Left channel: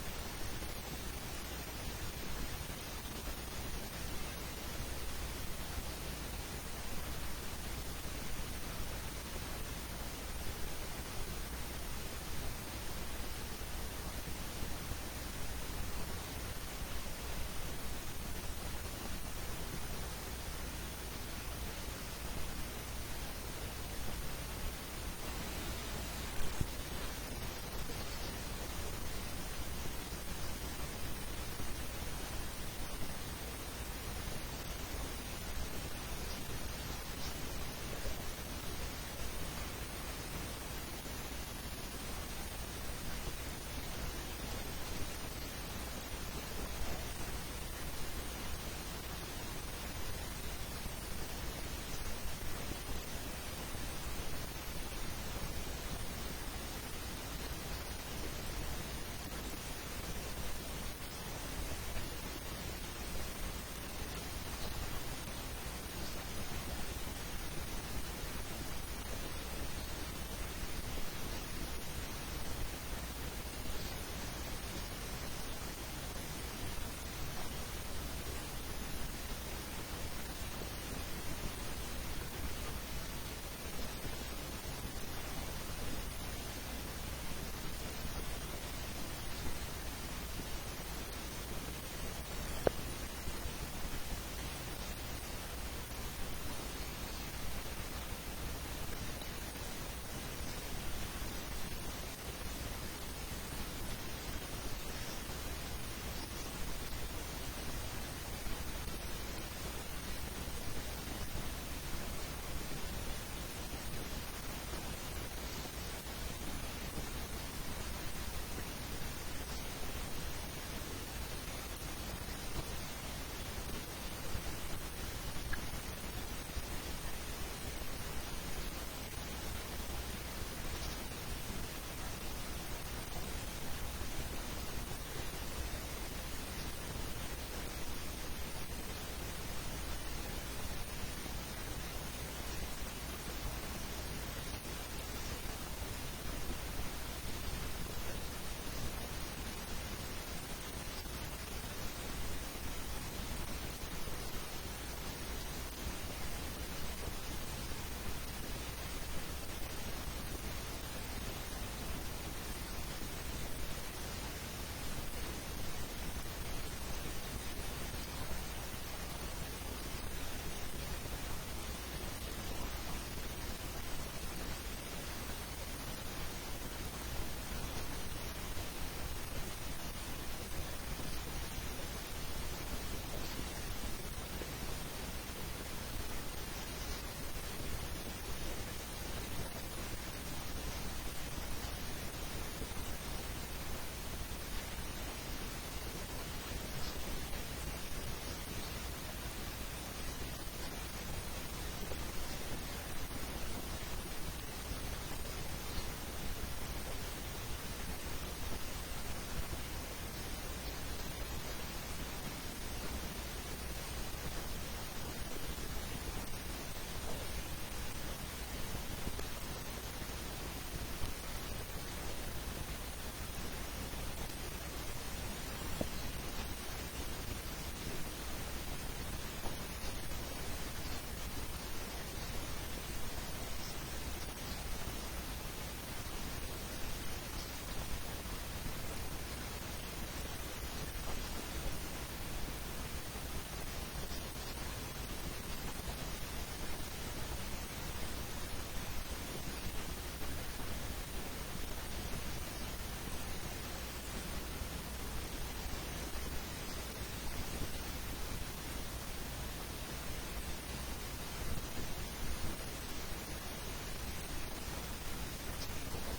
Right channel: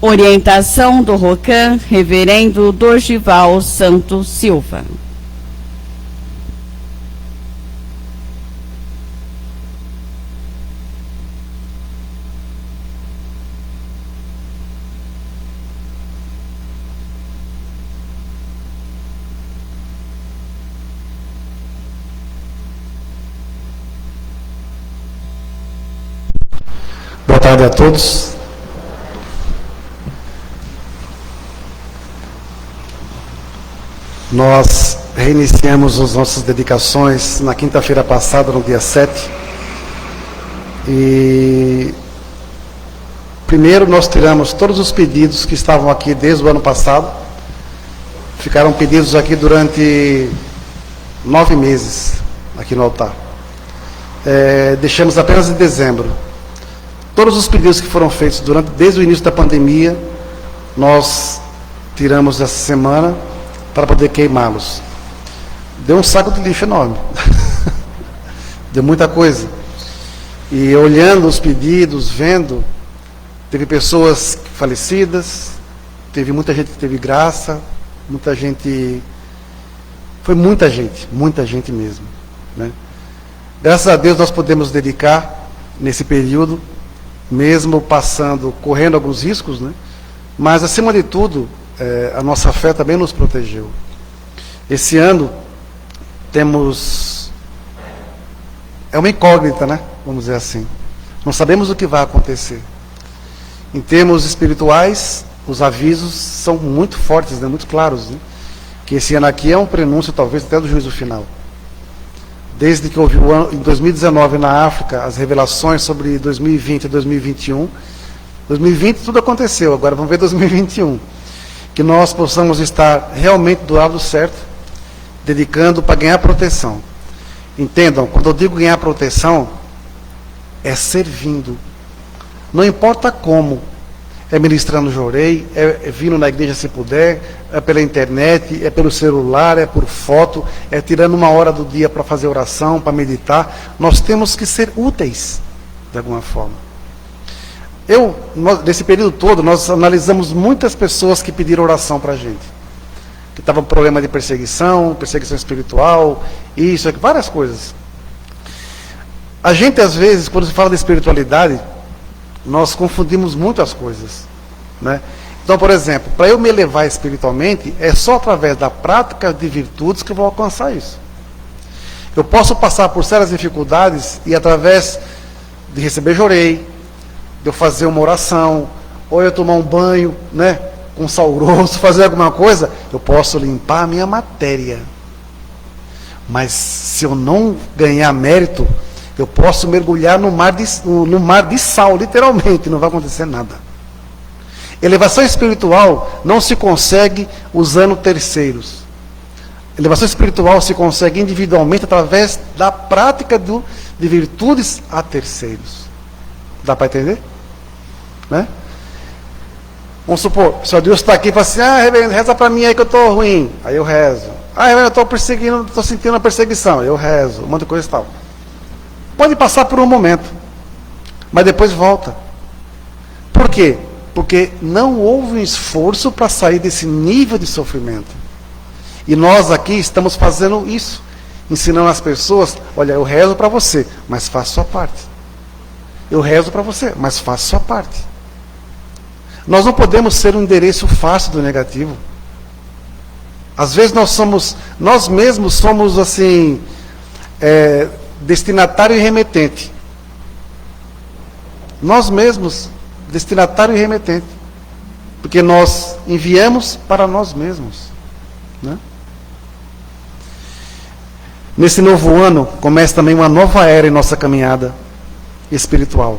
Orientação do ROCAM, Reverendo Dorgival Santos Silva. Boa tarde a todos. Nós reiniciamos as nossas dedicações na quinta-feira passada, no dia 7. E primeiro nós tiramos todos os pedidos que estavam aqui desde o ano passado. Ficaram pedidos aqui durante 9 meses, aqui no altar. Deixamos apenas em dezembro. Todos os pedidos que foram feitos desde o início da pandemia, nós tiramos essa semana para poder queimá-los. Deu um saco de lixo enorme. Deu muita coisa. E olhando os pedidos, vendo, teve pessoas falecidas, teve muita gente que teve graça, muita gente... Foi muita gente mesmo, né? Graças a Deus nós podemos dedicar nesse período, mesmo correndo alguns riscos, né? Mas acima de tudo, a nossa fé também nos protegeu. Esse ano é uma incógnita, né? Vamos dizer assim. Não sabemos o que vai acontecer. Em termos espirituais, os avisos são muito fortes, né? Muito claros, né? Que esse ano aqui é um prenúncio, talvez, até do juízo final. Desde que houve em 2019 na África, as revelações sobre 2020 e 2021. 2020 tudo aconteceu, agora vamos ver 2021. Que nós possamos estar realmente do lado certo, dedicando para ganhar proteção. Entendam, quando eu digo ganhar proteção, é servindo. Não importa como. É ministrando jorei, é vindo na igreja se puder, é pela internet, é pelo celular, é por foto, é tirando uma hora do dia para fazer oração, para meditar. Nós temos que ser úteis, de alguma forma. Nesse período todo, nós analisamos muitas pessoas que pediram oração para a gente. Que estavam com problema de perseguição espiritual, isso, várias coisas. A gente, às vezes, quando se fala de espiritualidade, nós confundimos muito as coisas, né? Então, por exemplo, para eu me elevar espiritualmente, é só através da prática de virtudes que eu vou alcançar isso. Eu posso passar por sérias dificuldades e através de receber jorei, de eu fazer uma oração, ou eu tomar um banho, né, com sal grosso, fazer alguma coisa, eu posso limpar a minha matéria. Mas se eu não ganhar mérito, eu posso mergulhar no mar de sal, literalmente, não vai acontecer nada. Elevação espiritual não se consegue usando terceiros. Elevação espiritual se consegue individualmente através da prática de virtudes a terceiros. Dá para entender? Né? Vamos supor, o Senhor Deus está aqui e fala assim: reverendo, reza para mim aí que eu estou ruim. Aí eu rezo. Reverendo, eu estou perseguindo, estou sentindo uma perseguição. Eu rezo, um monte de coisa e tal. Pode passar por um momento, mas depois volta. Por quê? Porque não houve um esforço para sair desse nível de sofrimento. E nós aqui estamos fazendo isso, ensinando as pessoas: olha, eu rezo para você, mas faça a sua parte. Eu rezo para você, mas faça a sua parte. Nós não podemos ser um endereço fácil do negativo. Às vezes nós mesmos somos assim, destinatário e remetente. Nós mesmos, destinatário e remetente. Porque nós enviamos para nós mesmos, né? Nesse novo ano, começa também uma nova era em nossa caminhada espiritual.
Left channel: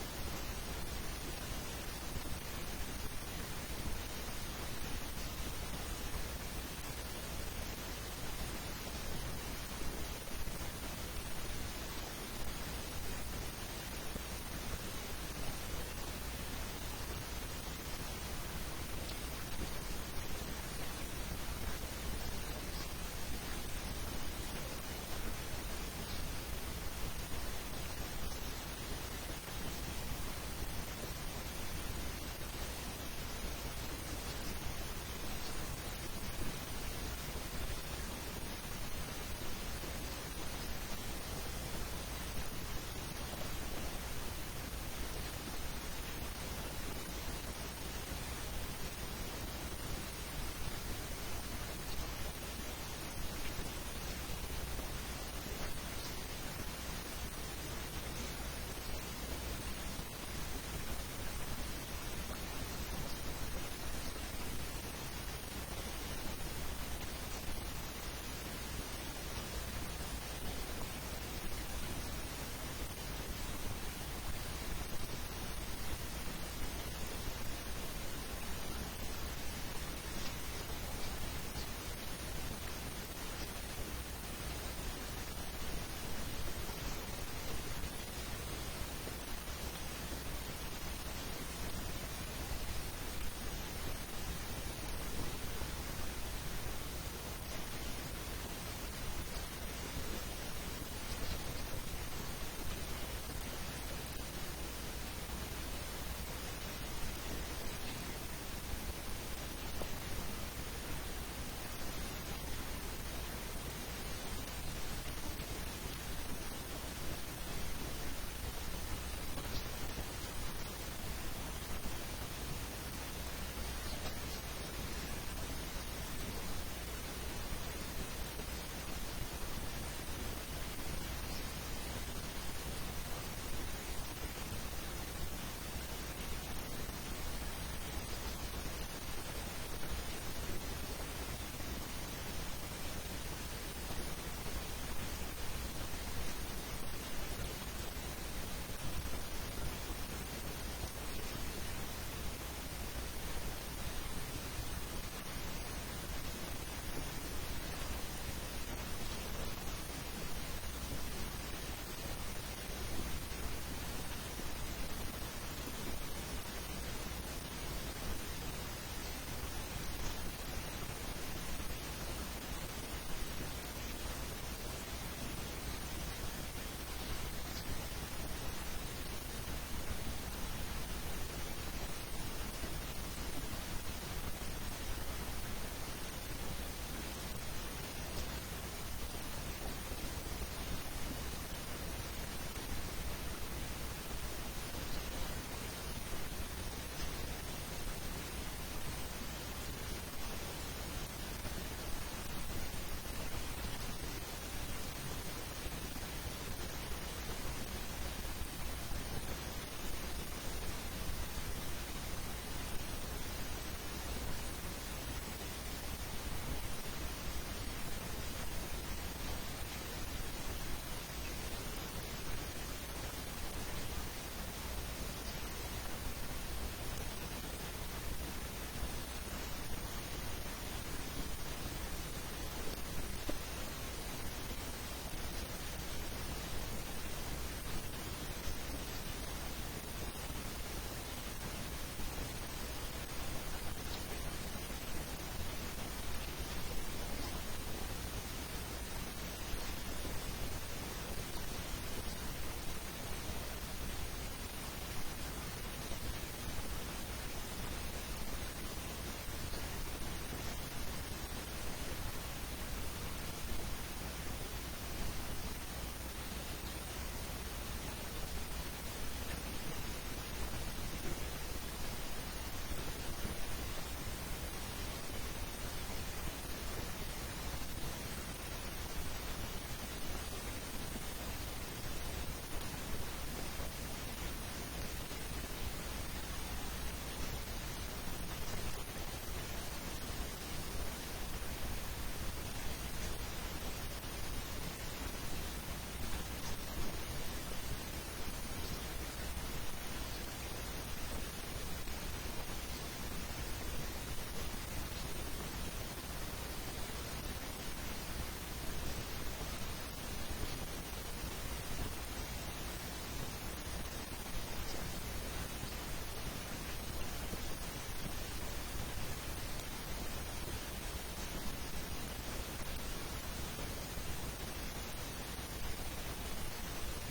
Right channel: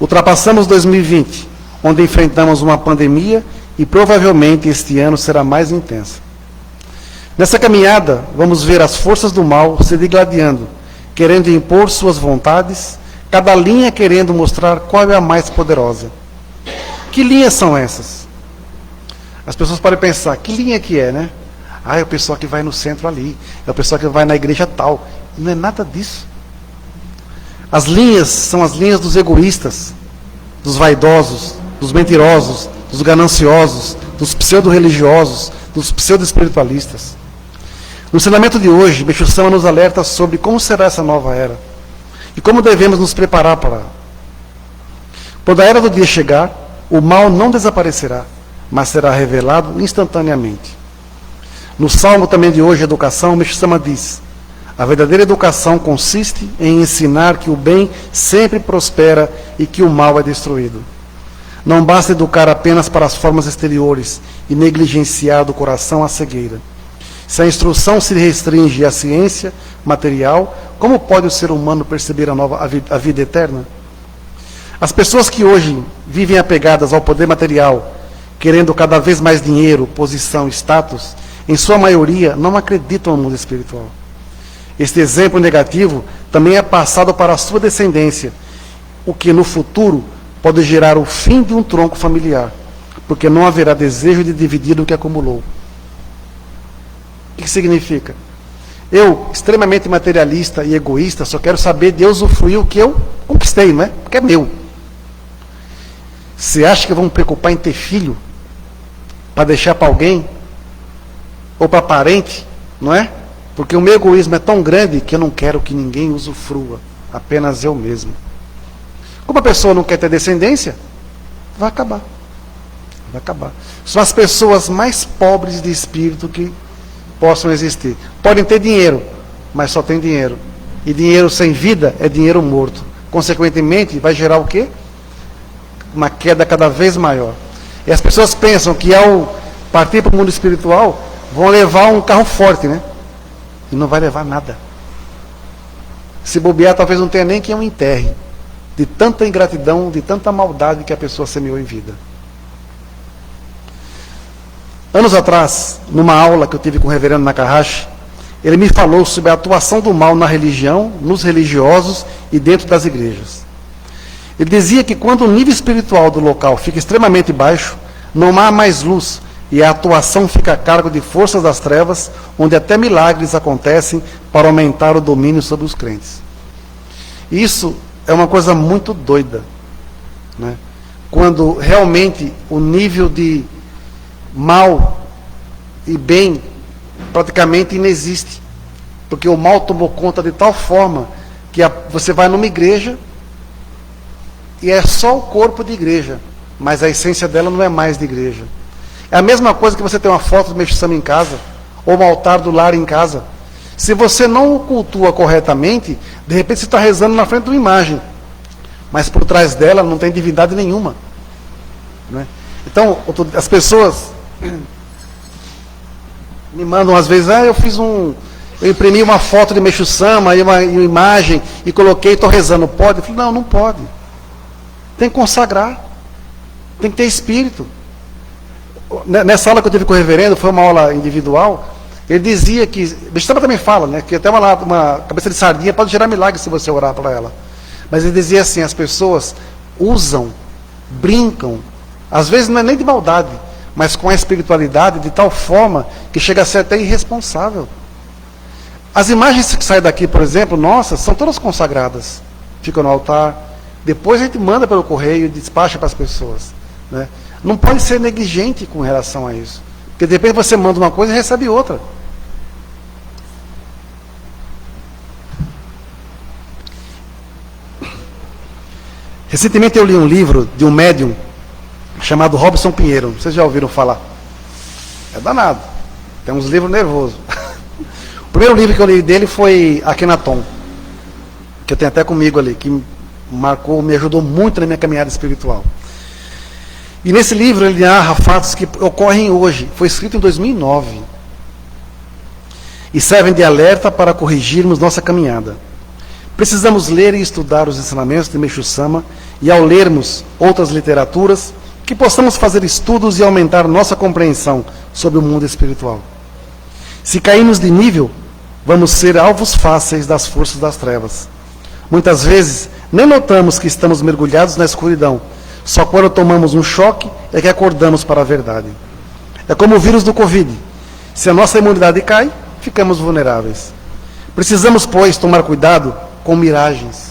Ultrapassamos 2020, onde enfrentamos uma pandemia e provavelmente este ano será mais intensa. Nessa caminhada, vamos ver as forças do mal se digladiando, querendo impor suas vontades, cada linha querendo mostrar qual é a mais poderosa. Que linhas são essas? As pessoas podem pensar: que linha que é, né? É o pessoal que vai no centro ali, é o pessoal que vai na igreja tal. Não é nada disso. As linhas são as linhas dos egoístas, dos vaidosos, dos mentirosos, dos gananciosos, dos pseudo-religiosos, dos pseudo-espiritualistas. No ensinamento de hoje, Meixo Sama nos alerta sobre como será essa nova era e como devemos nos preparar para ela. Quando a era do dia chegar, o mal não desaparecerá, mas será revelado instantaneamente. No salmo também de hoje, Educação, Meixo Sama diz: a verdadeira educação consiste em ensinar que o bem sempre prospera e que o mal é destruído. Não basta educar apenas para as formas exteriores e negligenciar do coração a cegueira. Se a instrução se restringe à ciência material, como pode o ser humano perceber a vida eterna? As pessoas que hoje vivem apegadas ao poder material, querendo cada vez mais dinheiro, posição, status, em sua maioria não acreditam no mundo espiritual. Este exemplo negativo também é passado para a sua descendência, o que no futuro pode gerar o fim de um tronco familiar, porque não haverá desejo de dividir o que acumulou. O que significa? Eu, extremamente materialista e egoísta, só quero saber de usufruir o que eu conquistei, não é? Porque é meu. Você acha que eu vou me preocupar em ter filho? Para deixar para alguém? Ou para parente? Não é? Porque o meu egoísmo é tão grande que eu não quero que ninguém usufrua. Apenas eu mesmo. Como a pessoa não quer ter descendência, vai acabar. Vai acabar. São as pessoas mais pobres de espírito que possam existir. Podem ter dinheiro, mas só tem dinheiro. E dinheiro sem vida é dinheiro morto. Consequentemente, vai gerar o quê? Uma queda cada vez maior. E as pessoas pensam que ao partir para o mundo espiritual, vão levar um carro forte, né? E não vai levar nada. Se bobear, talvez não tenha nem quem o enterre. De tanta ingratidão, de tanta maldade que a pessoa semeou em vida. Anos atrás, numa aula que eu tive com o reverendo Nakahashi, ele me falou sobre a atuação do mal na religião, nos religiosos e dentro das igrejas. Ele dizia que quando o nível espiritual do local fica extremamente baixo, não há mais luz e a atuação fica a cargo de forças das trevas, onde até milagres acontecem para aumentar o domínio sobre os crentes. Isso é uma coisa muito doida, né? Quando realmente o nível de mal e bem praticamente inexiste, porque o mal tomou conta de tal forma que você vai numa igreja e é só o corpo de igreja, mas a essência dela não é mais de igreja. É a mesma coisa que você ter uma foto do Meixo Sama em casa, ou um altar do lar em casa. Se você não o cultua corretamente, de repente você está rezando na frente de uma imagem, mas por trás dela não tem divindade nenhuma, né? Então, as pessoas me mandam às vezes, eu imprimi uma foto de Meixo Sama e uma imagem e coloquei, estou rezando, pode? Eu falei, não, não pode. Tem que consagrar, tem que ter espírito. Nessa aula que eu tive com o reverendo, foi uma aula individual, ele dizia que, Meixo Sama também fala, né, que até uma cabeça de sardinha pode gerar milagre se você orar para ela. Mas ele dizia assim, as pessoas usam, brincam, às vezes não é nem de maldade, mas com a espiritualidade de tal forma que chega a ser até irresponsável. As imagens que saem daqui, por exemplo, nossas, são todas consagradas, ficam no altar, depois a gente manda pelo correio e despacha para as pessoas, né? Não pode ser negligente com relação a isso, porque de repente você manda uma coisa e recebe outra. Recentemente eu li um livro de um médium chamado Robson Pinheiro. Vocês já ouviram falar? É danado. Tem uns livros nervosos. O primeiro livro que eu li dele foi Akhenaton, que eu tenho até comigo ali, que marcou, me ajudou muito na minha caminhada espiritual. E nesse livro ele narra fatos que ocorrem hoje. Foi escrito em 2009. E servem de alerta para corrigirmos nossa caminhada. Precisamos ler e estudar os ensinamentos de Meixo Sama e, ao lermos outras literaturas, que possamos fazer estudos e aumentar nossa compreensão sobre o mundo espiritual. Se cairmos de nível, vamos ser alvos fáceis das forças das trevas. Muitas vezes, nem notamos que estamos mergulhados na escuridão. Só quando tomamos um choque é que acordamos para a verdade. É como o vírus do Covid. Se a nossa imunidade cai, ficamos vulneráveis. Precisamos, pois, tomar cuidado com miragens.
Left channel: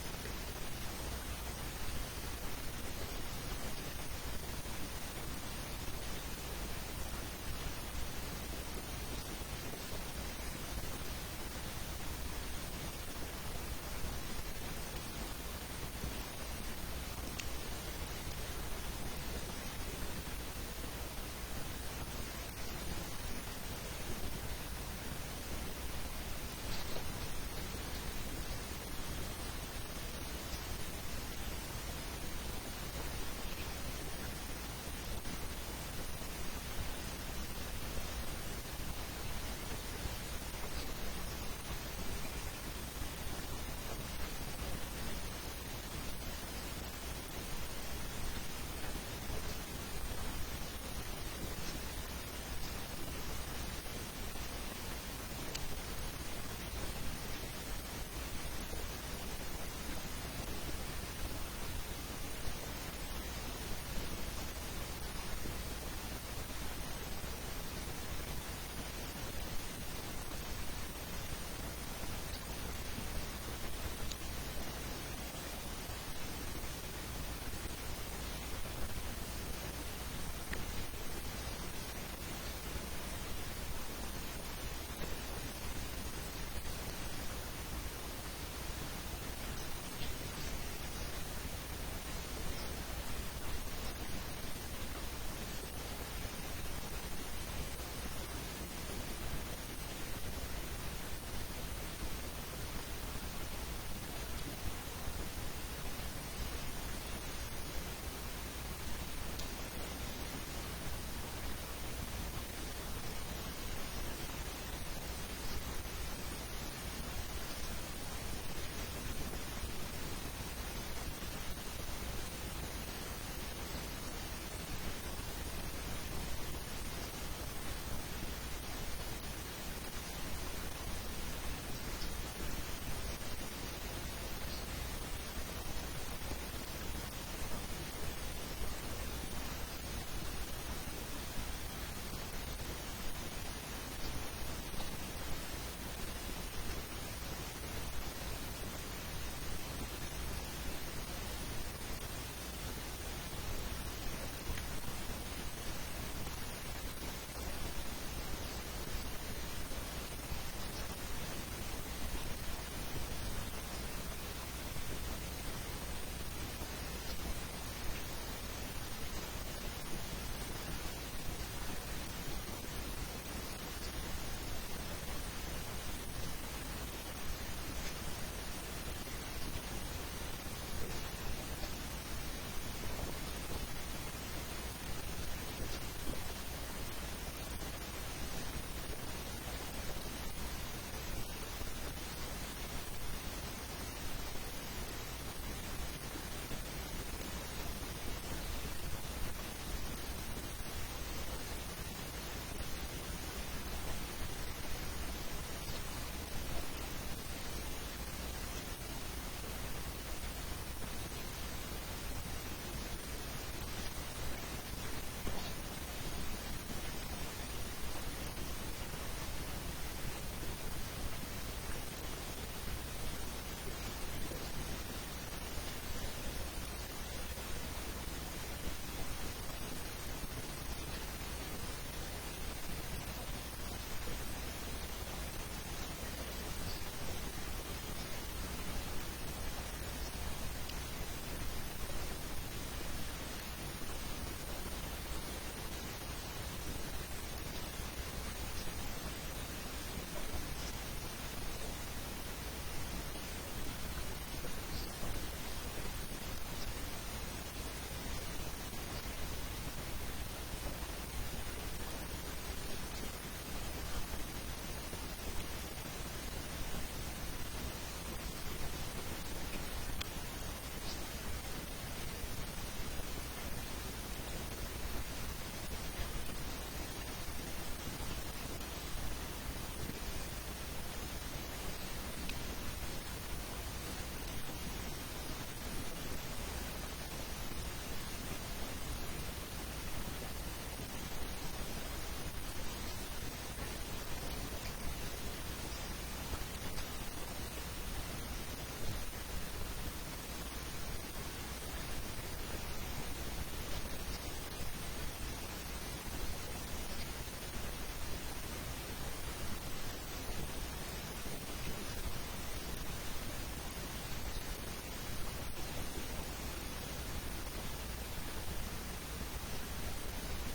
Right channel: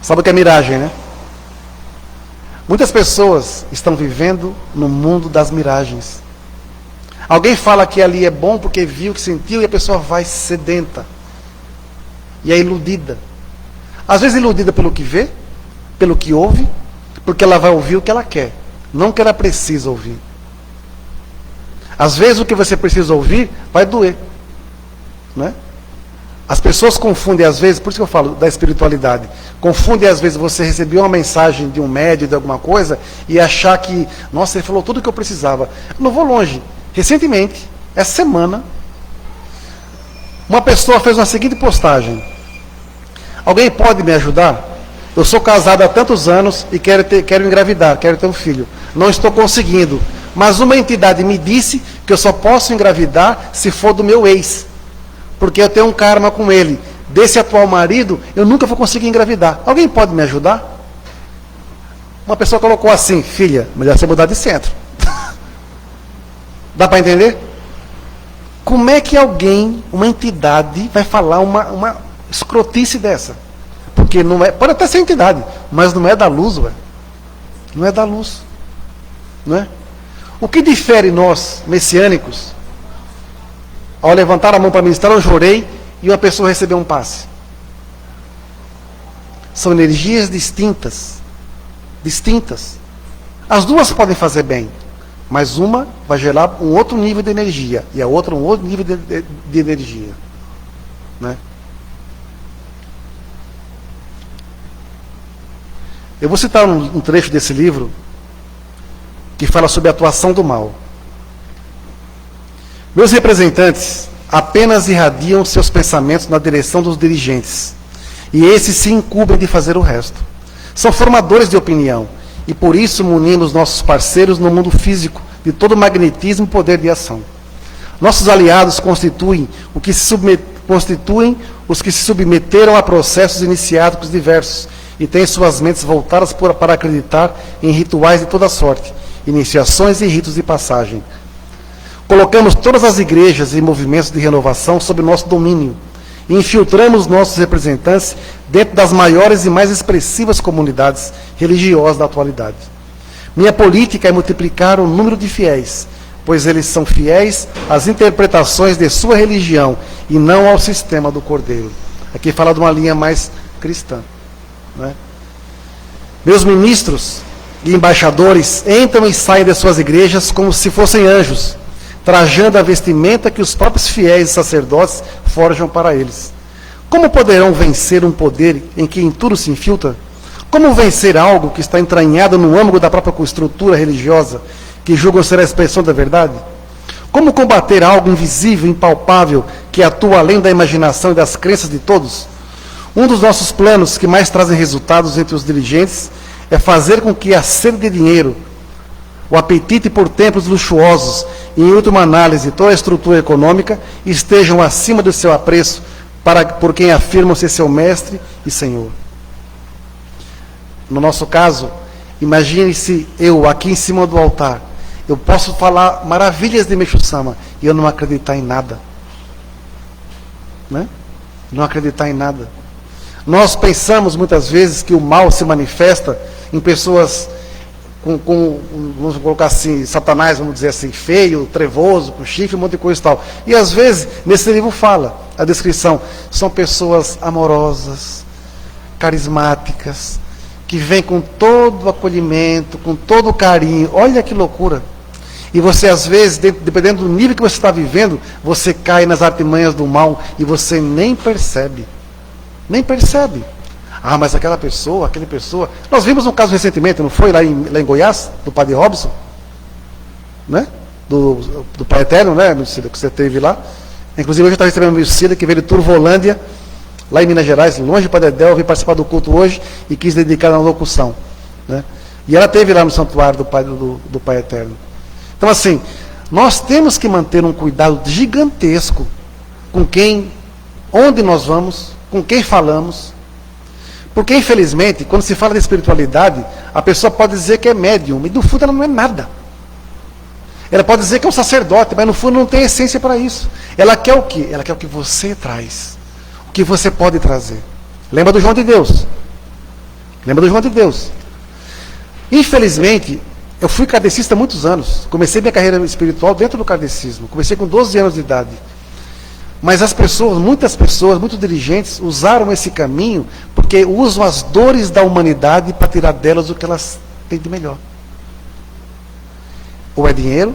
Sabe o que é miragem, né? Muitas pessoas estão vivendo no mundo das miragens. Alguém fala que ali é bom porque viu, que sentiu, e a pessoa vai sedenta. E é iludida. Às vezes iludida pelo que vê, pelo que ouve, porque ela vai ouvir o que ela quer, não o que ela precisa ouvir. Às vezes o que você precisa ouvir vai doer. Não é? As pessoas confundem às vezes, por isso que eu falo da espiritualidade, confundem às vezes você receber uma mensagem de um médium, de alguma coisa, e achar que, nossa, ele falou tudo o que eu precisava. Eu não vou longe. Recentemente, essa semana, uma pessoa fez uma seguinte postagem: alguém pode me ajudar? Eu sou casado há tantos anos e quero engravidar, quero ter um filho. Não estou conseguindo, mas uma entidade me disse que eu só posso engravidar se for do meu ex, porque eu tenho um karma com ele. Desse atual marido, eu nunca vou conseguir engravidar. Alguém pode me ajudar? Uma pessoa colocou assim: filha, melhor você mudar de centro. Dá para entender? Como é que alguém, uma entidade, vai falar uma escrotice dessa? Porque não é, pode até ser entidade, mas não é da luz, ué. Não é da luz. Não é? O que difere nós, messiânicos, ao levantar a mão para ministrar, eu chorei e uma pessoa recebeu um passe? São energias distintas. Distintas. As duas podem fazer bem, mas uma vai gerar um outro nível de energia e a outra um outro nível de energia. Né? Eu vou citar um trecho desse livro que fala sobre a atuação do mal. Meus representantes apenas irradiam seus pensamentos na direção dos dirigentes, e esses se incumbem de fazer o resto. São formadores de opinião, e por isso munimos nossos parceiros no mundo físico de todo magnetismo e poder de ação. Nossos aliados constituem os que se submeteram a processos iniciáticos diversos e têm suas mentes voltadas para acreditar em rituais de toda sorte, iniciações e ritos de passagem. Colocamos todas as igrejas e movimentos de renovação sob nosso domínio e infiltramos nossos representantes dentro das maiores e mais expressivas comunidades religiosas da atualidade. Minha política é multiplicar o número de fiéis, pois eles são fiéis às interpretações de sua religião e não ao sistema do Cordeiro. Aqui fala de uma linha mais cristã. Né? Meus ministros e embaixadores entram e saem de suas igrejas como se fossem anjos, trajando a vestimenta que os próprios fiéis e sacerdotes forjam para eles. Como poderão vencer um poder em que em tudo se infiltra? Como vencer algo que está entranhado no âmago da própria estrutura religiosa, que julgam ser a expressão da verdade? Como combater algo invisível, impalpável, que atua além da imaginação e das crenças de todos? Um dos nossos planos que mais trazem resultados entre os dirigentes é fazer com que a sede de dinheiro, o apetite por templos luxuosos e, em última análise, toda a estrutura econômica estejam acima do seu apreço por quem afirma ser seu mestre e senhor. No nosso caso, imagine-se eu aqui em cima do altar. Eu posso falar maravilhas de Meixo Sama e eu não acreditar em nada. Né? Não acreditar em nada. Nós pensamos muitas vezes que o mal se manifesta em pessoas vamos colocar assim, Satanás, vamos dizer assim, feio, trevoso, com chifre, um monte de coisa e tal. E às vezes, nesse livro fala, a descrição, são pessoas amorosas, carismáticas, que vêm com todo o acolhimento, com todo o carinho. Olha que loucura. E você, às vezes, dependendo do nível que você está vivendo, você cai nas artimanhas do mal e você nem percebe. Nem percebe. Ah, mas aquela pessoa. Nós vimos um caso recentemente, não foi? Lá em Goiás, do Padre Robson, né? Do Pai Eterno, né, Lucília, que você teve lá. Inclusive, hoje eu estava recebendo a Lucília, que veio de Turvolândia, lá em Minas Gerais, longe de Padedel, veio participar do culto hoje e quis dedicar na locução. Né? E ela esteve lá no santuário do Pai Eterno. Então, assim, nós temos que manter um cuidado gigantesco com onde nós vamos, com quem falamos. Porque, infelizmente, quando se fala de espiritualidade, a pessoa pode dizer que é médium, e no fundo ela não é nada. Ela pode dizer que é um sacerdote, mas no fundo não tem essência para isso. Ela quer o quê? Ela quer o que você traz. O que você pode trazer. Lembra do João de Deus. Infelizmente, eu fui kardecista há muitos anos. Comecei minha carreira espiritual dentro do kardecismo. Comecei com 12 anos de idade. Mas as pessoas, muitos dirigentes, usaram esse caminho porque usam as dores da humanidade para tirar delas o que elas têm de melhor. Ou é dinheiro,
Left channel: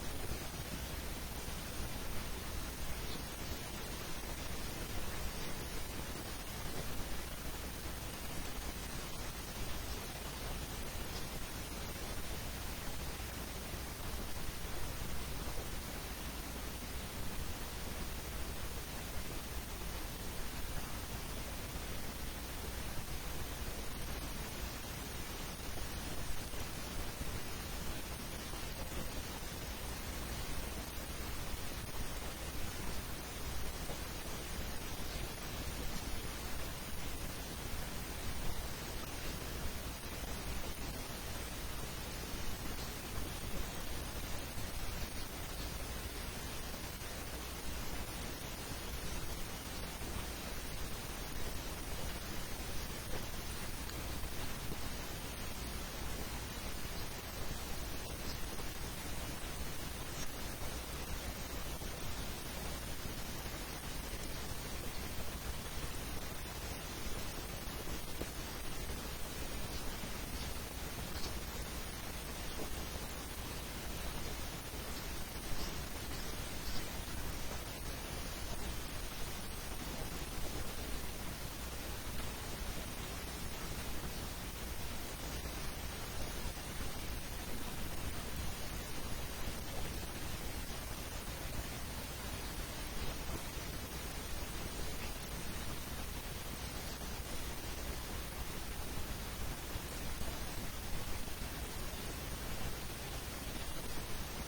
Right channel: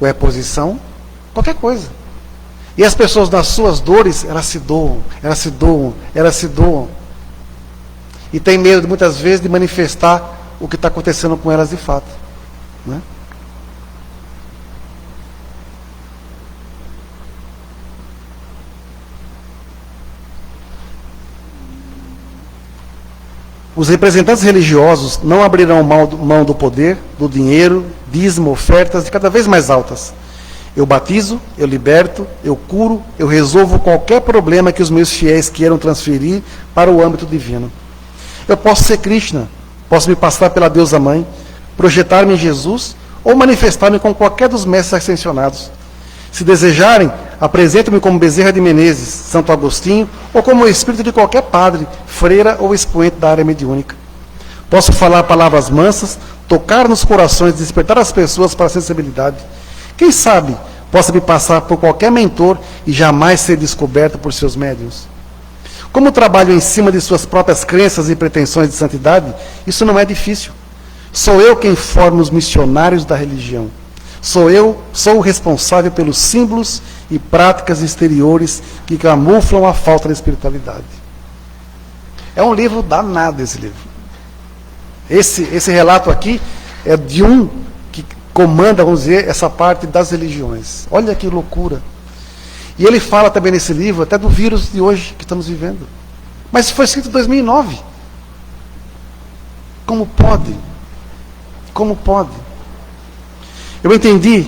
ou é posição, qualquer coisa. E as pessoas, nas suas dores, elas se doam. E tem medo, muitas vezes, de manifestar o que está acontecendo com elas de fato. Né? Os representantes religiosos não abrirão mão do poder, do dinheiro, dízimo, ofertas de cada vez mais altas. Eu batizo, eu liberto, eu curo, eu resolvo qualquer problema que os meus fiéis queiram transferir para o âmbito divino. Eu posso ser Krishna, posso me passar pela deusa mãe, projetar-me em Jesus ou manifestar-me com qualquer dos mestres ascensionados. Se desejarem, apresento-me como Bezerra de Menezes, Santo Agostinho, ou como o espírito de qualquer padre, freira ou expoente da área mediúnica. Posso falar palavras mansas, tocar nos corações, despertar as pessoas para a sensibilidade. Quem sabe, possa me passar por qualquer mentor e jamais ser descoberto por seus médiuns. Como trabalho em cima de suas próprias crenças e pretensões de santidade, isso não é difícil. Sou eu quem forma os missionários da religião. Sou o responsável pelos símbolos e práticas exteriores que camuflam a falta de espiritualidade. É um livro danado esse livro. Esse relato aqui é de um que comanda, vamos dizer, essa parte das religiões. Olha que loucura. E ele fala também nesse livro até do vírus de hoje que estamos vivendo. Mas foi escrito em 2009. Como pode? Como pode? Eu entendi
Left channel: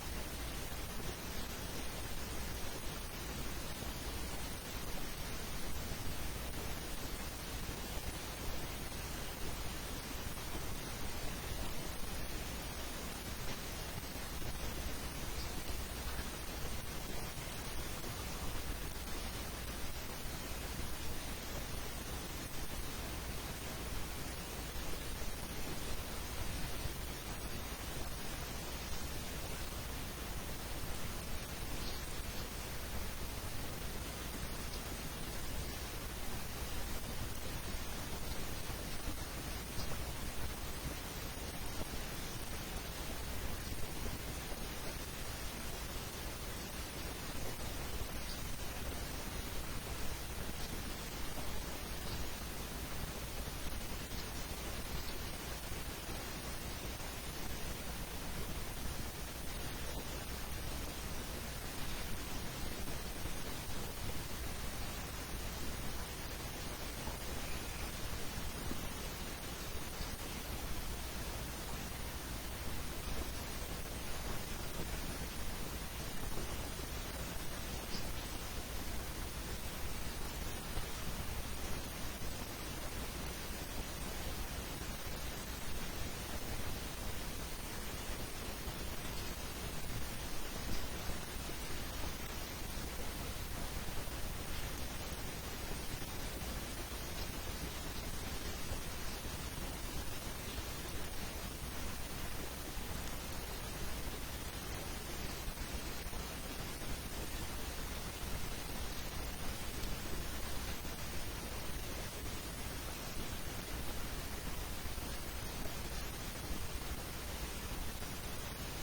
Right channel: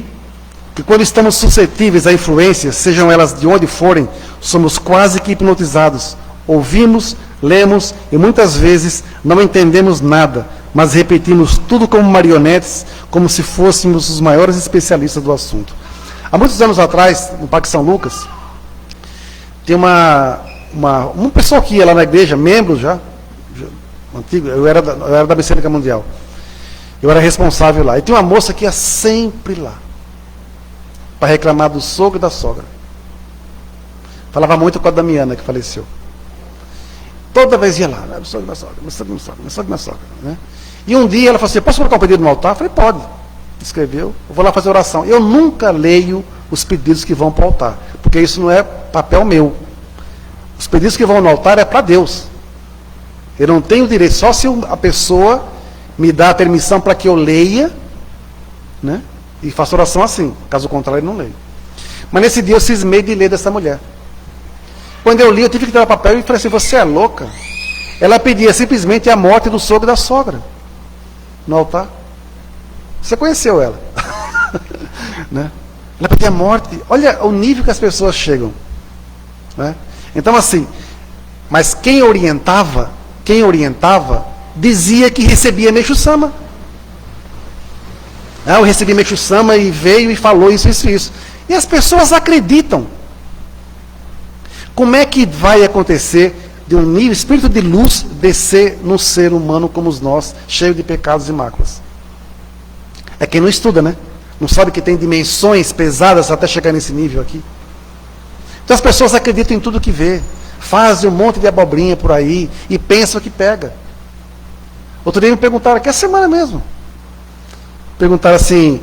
que quando estamos suscetíveis a influências, sejam elas de onde forem, somos quase que hipnotizados. Ouvimos, lemos e muitas vezes não entendemos nada, mas repetimos tudo como marionetes, como se fôssemos os maiores especialistas do assunto. Há muitos anos atrás, no Parque São Lucas, tem uma pessoa que ia lá na igreja, membro já antigo, eu era da Bicênica Mundial. Eu era responsável lá. E tinha uma moça que ia sempre lá para reclamar do sogro e da sogra. Falava muito com a Damiana, que faleceu. Toda vez ia lá, né? O sogro e da sogra, meu sogro e minha sogra. Né? E um dia ela falou assim, posso colocar um pedido no altar? Eu falei, pode. Escreveu, eu vou lá fazer oração. Eu nunca leio os pedidos que vão para o altar, porque isso não é papel meu. Os pedidos que vão no altar é para Deus. Eu não tenho direito, só se a pessoa me dá a permissão para que eu leia, né? E faça oração assim. Caso contrário, eu não leio. Mas nesse dia eu cismei de ler dessa mulher. Quando eu li, eu tive que tirar o papel e falei assim, você é louca? Ela pedia simplesmente a morte do sogro e da sogra no altar. Você conheceu ela. Né? Ela pedia a morte. Olha o nível que as pessoas chegam. Né? Então assim, mas quem orientava, dizia que recebia Meixo Sama. Eu recebi Meixo Sama e veio e falou isso. E as pessoas acreditam. Como é que vai acontecer de um nível, espírito de luz, descer num ser humano como nós, cheio de pecados e máculas? É quem não estuda, né? Não sabe que tem dimensões pesadas até chegar nesse nível aqui. Então as pessoas acreditam em tudo que vê. Fazem um monte de abobrinha por aí e pensam que pega. Outro dia me perguntaram, aqui a semana mesmo. Perguntaram assim,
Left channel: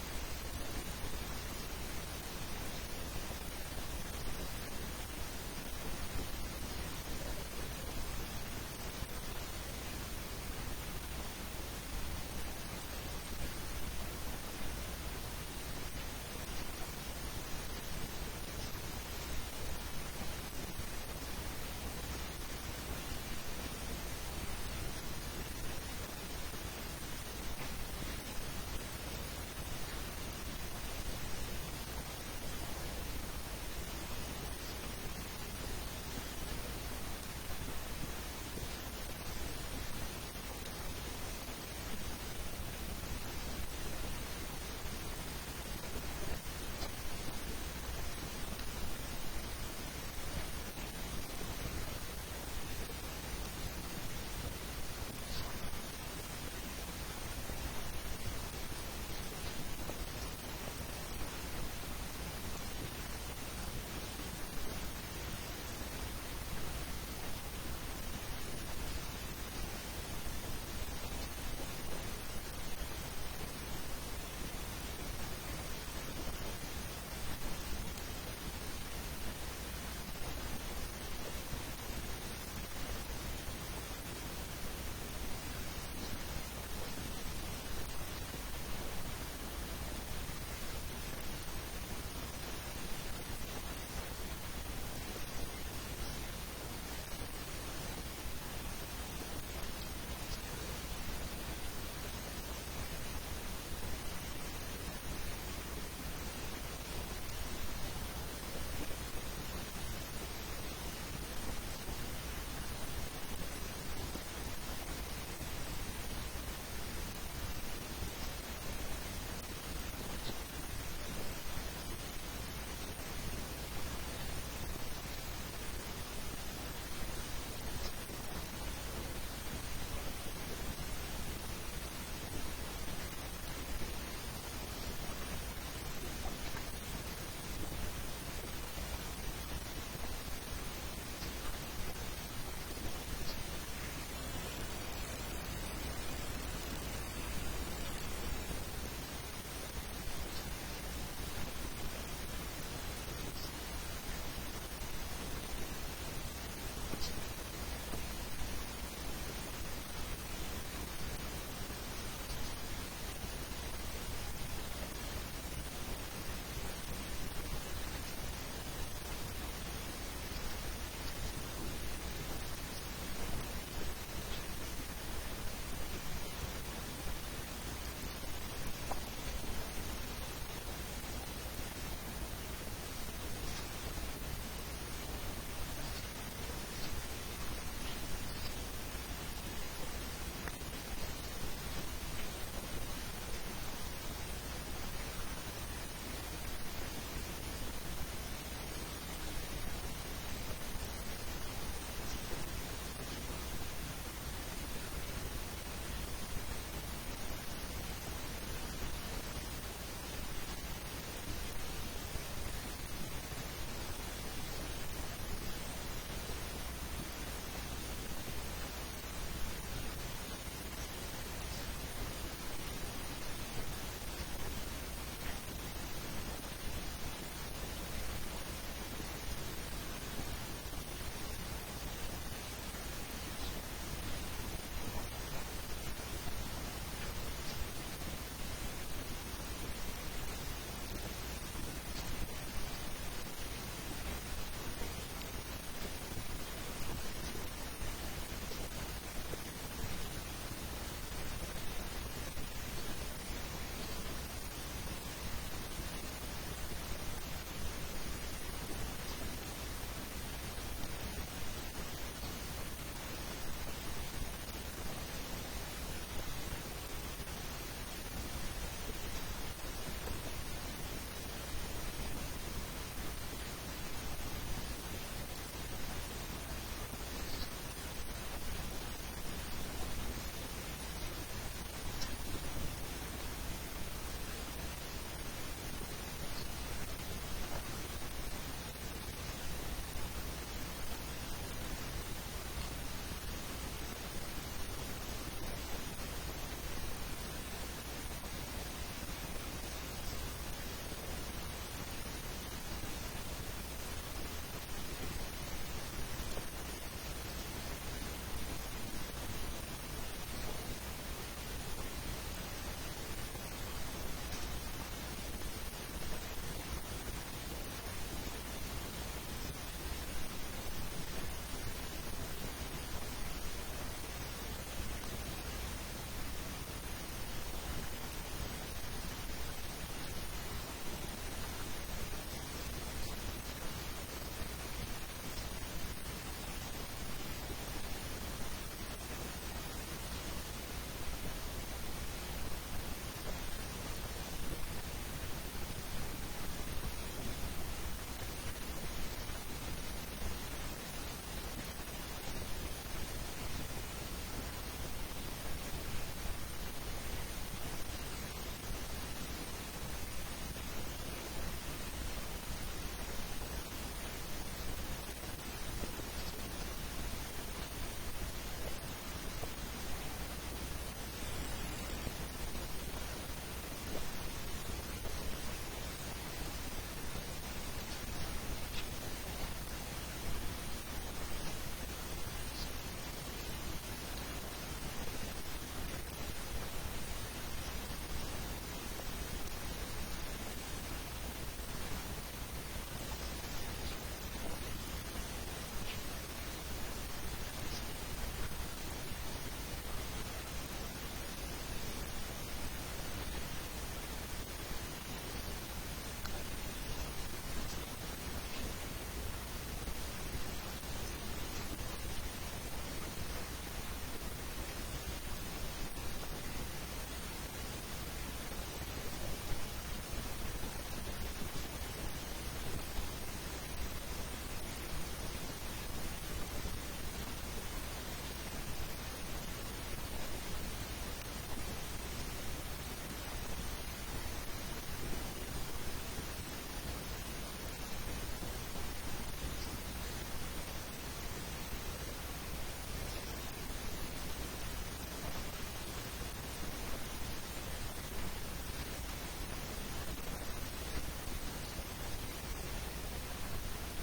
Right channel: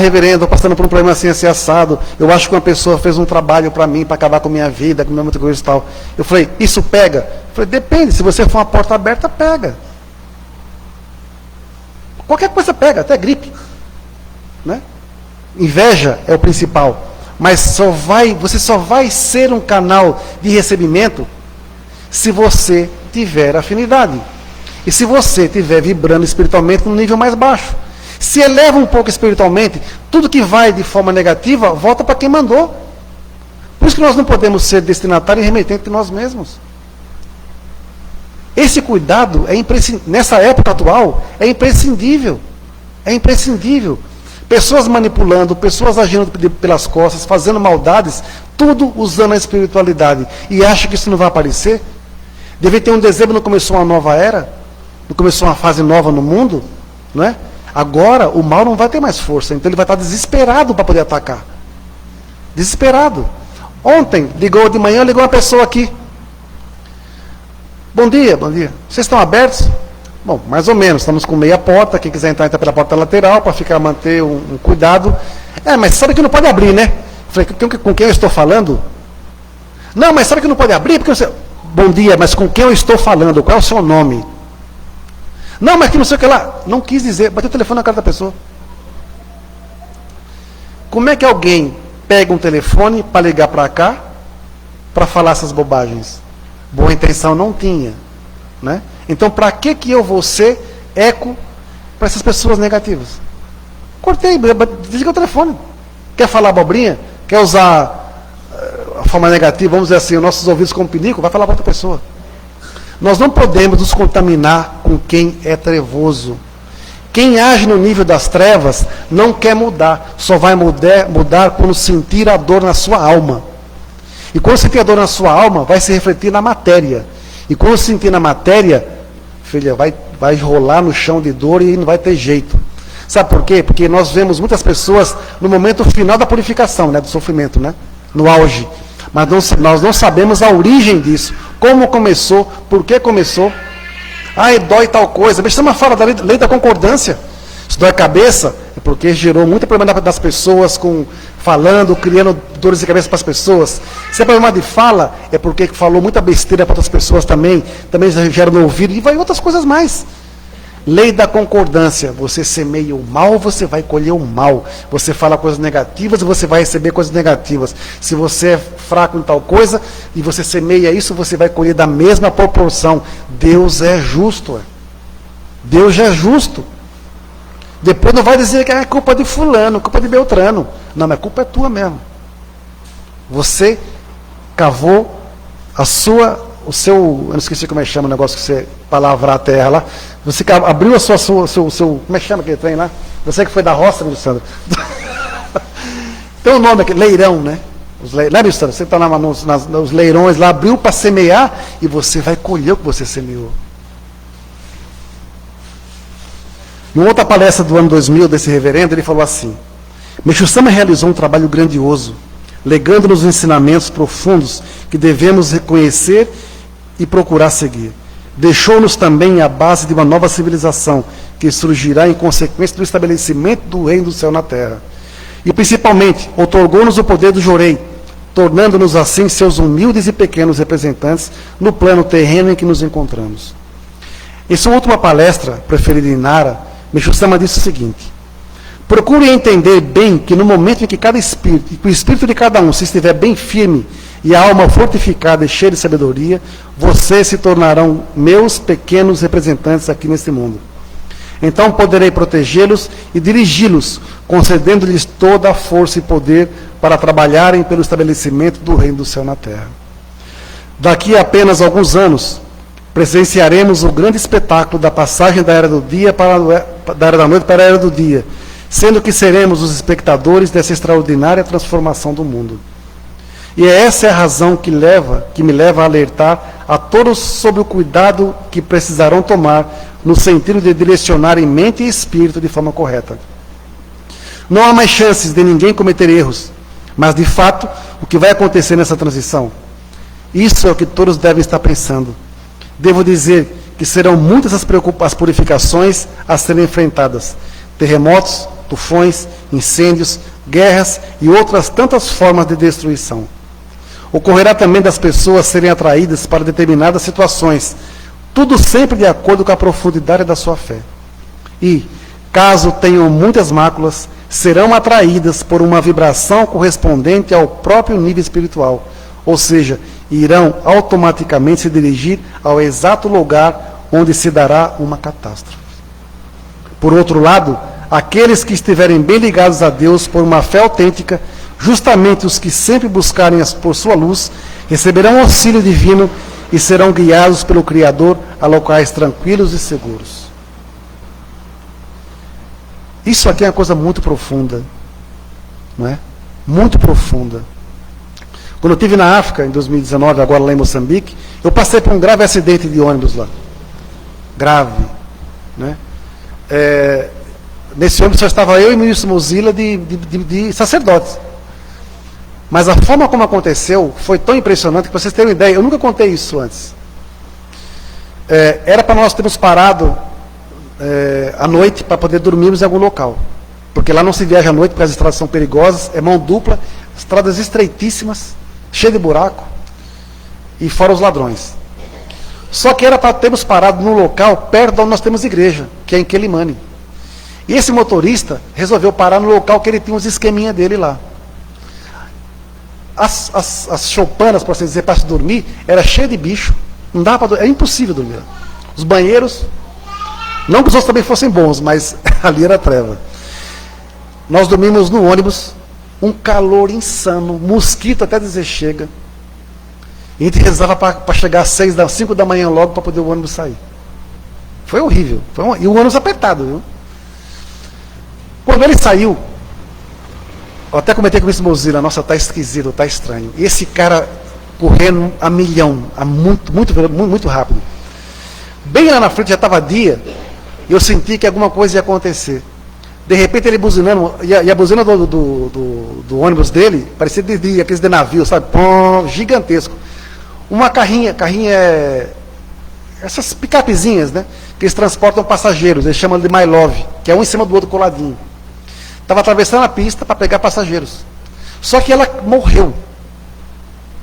reverendo, estou passando por um problema assim assado. Eu acho que uma pessoa fez um trabalho para mim, para acabar com a minha vida, com muita coisa e tal. Eu falei, isso pega? Eu falei, depende, se você for uma porta aberta, pega. Qualquer coisa pega, até gripe. Né? Inveja é o principal. Mas você só vai ser um canal de recebimento se você tiver afinidade. E se você estiver vibrando espiritualmente num nível mais baixo. Se eleva um pouco espiritualmente, tudo que vai de forma negativa, volta para quem mandou. Por isso que nós não podemos ser destinatários e remetentes de nós mesmos. Esse cuidado, nessa época atual, é imprescindível. É imprescindível. Pessoas manipulando, pessoas agindo pelas costas, fazendo maldades, tudo usando a espiritualidade. E acha que isso não vai aparecer? Deve ter um dezembro, não começou uma nova era? Não começou uma fase nova no mundo? não é? Agora o mal não vai ter mais força, então ele vai estar desesperado para poder atacar. Desesperado. Ontem, de manhã, ligou uma pessoa aqui. Bom dia, bom dia. Vocês estão abertos? Bom, mais ou menos, estamos com meia porta, quem quiser entrar, entra pela porta lateral, para manter um cuidado. Mas sabe que não pode abrir, né? Falei, com quem eu estou falando? Não, mas sabe que não pode abrir? Porque você... Bom dia, mas com quem eu estou falando? Qual é o seu nome? Não, mas que não sei o que lá. Não quis dizer, bateu o telefone na cara da pessoa. Como é que alguém pega um telefone para ligar para cá, para falar essas bobagens? Boa intenção não tinha, né? Então, para que eu vou ser eco para essas pessoas negativas? Cortei, desliga o telefone. Quer falar abobrinha? Quer usar a forma negativa, vamos dizer assim, os nossos ouvidos como pinico? Vai falar para outra pessoa. Nós não podemos nos contaminar com quem é trevoso. Quem age no nível das trevas não quer mudar, só vai mudar quando sentir a dor na sua alma. E quando sentir a dor na sua alma, vai se refletir na matéria. E quando sentir na matéria, filha, vai rolar no chão de dor e não vai ter jeito. Sabe por quê? Porque nós vemos muitas pessoas no momento final da purificação, né, do sofrimento, né, no auge. Mas nós não sabemos a origem disso. Como começou, por que começou. Dói tal coisa. Mas chama fala da lei da concordância. Se dói a cabeça, é porque gerou muito problema das pessoas, falando, criando dores de cabeça para as pessoas. Se é problema de fala, é porque falou muita besteira para outras pessoas também gera no ouvido, e vai outras coisas mais. Lei da concordância. Você semeia o mal, você vai colher o mal. Você fala coisas negativas e você vai receber coisas negativas. Se você é fraco em tal coisa e você semeia isso, você vai colher da mesma proporção. Deus é justo. Deus é justo. Depois não vai dizer que é culpa de fulano, culpa de Beltrano. Não, mas a culpa é tua mesmo. Você cavou o seu, eu não esqueci como é que chama o negócio que você palavra a terra lá. Você abriu a seu, como é que chama aquele trem lá? Você que foi da roça, meu Sandro. Tem um nome aqui, leirão, né? Né, meu Sandro? Você está nos leirões lá, abriu para semear e você vai colher o que você semeou. Em outra palestra do ano 2000 desse reverendo, ele falou assim: Meixo Sama realizou um trabalho grandioso, legando-nos ensinamentos profundos que devemos reconhecer e procurar seguir. Deixou-nos também a base de uma nova civilização que surgirá em consequência do estabelecimento do reino do céu na terra. E, principalmente, otorgou-nos o poder do Jorei, tornando-nos assim seus humildes e pequenos representantes no plano terreno em que nos encontramos. Em sua última palestra, preferida em Nara, Meixo Sama disse o seguinte: procure entender bem que no momento em que o espírito de cada um se estiver bem firme e a alma fortificada e cheia de sabedoria, vocês se tornarão meus pequenos representantes aqui neste mundo. Então poderei protegê-los e dirigi-los, concedendo-lhes toda a força e poder para trabalharem pelo estabelecimento do reino do céu na terra. Daqui a apenas alguns anos, presenciaremos o grande espetáculo da passagem da era do dia da era da noite para a era do dia, sendo que seremos os espectadores dessa extraordinária transformação do mundo. E essa é a razão que me leva a alertar a todos sobre o cuidado que precisarão tomar no sentido de direcionar em mente e espírito de forma correta. Não há mais chances de ninguém cometer erros, mas, de fato, o que vai acontecer nessa transição? Isso é o que todos devem estar pensando. Devo dizer que serão muitas as purificações a serem enfrentadas. Terremotos, tufões, incêndios, guerras e outras tantas formas de destruição. Ocorrerá também das pessoas serem atraídas para determinadas situações, tudo sempre de acordo com a profundidade da sua fé. E, caso tenham muitas máculas, serão atraídas por uma vibração correspondente ao próprio nível espiritual, ou seja, irão automaticamente se dirigir ao exato lugar onde se dará uma catástrofe. Por outro lado, aqueles que estiverem bem ligados a Deus por uma fé autêntica, justamente os que sempre buscarem por sua luz, receberão auxílio divino e serão guiados pelo Criador a locais tranquilos e seguros. Isso aqui é uma coisa muito profunda, não é? Muito profunda. Quando eu estive na África, em 2019, agora lá em Moçambique, eu passei por um grave acidente de ônibus lá. Grave, né? Nesse ônibus só estava eu e o ministro Mozilla de sacerdotes. Mas a forma como aconteceu foi tão impressionante que, para vocês terem uma ideia, eu nunca contei isso antes. Era para nós termos parado à noite para poder dormirmos em algum local. Porque lá não se viaja à noite porque as estradas são perigosas, é mão dupla, estradas estreitíssimas, cheias de buraco, e fora os ladrões. Só que era para termos parado num local perto de onde nós temos igreja, que é em Quelimane. E esse motorista resolveu parar no local que ele tinha os esqueminha dele lá. As choupanas, para dizer, para se dormir, era cheia de bicho. Não dava para dormir, é impossível dormir. Os banheiros, não que os outros também fossem bons, mas ali era treva. Nós dormimos no ônibus, um calor insano, mosquito até dizer chega. E a gente rezava para chegar às 5 da manhã logo para poder o ônibus sair. Foi horrível. E o ônibus apertado, viu? Quando ele saiu, eu até comentei com o Mr. Mozilla, nossa, tá esquisito, tá estranho. E esse cara correndo a milhão, muito rápido. Bem lá na frente, já estava dia, e eu senti que alguma coisa ia acontecer. De repente ele buzinando, e a buzina do ônibus dele, parecia aqueles de navio, sabe? Pum, gigantesco. Uma carrinha essas picapezinhas, né? Que eles transportam passageiros, eles chamam de My Love, que é um em cima do outro coladinho. Estava atravessando a pista para pegar passageiros. Só que ela morreu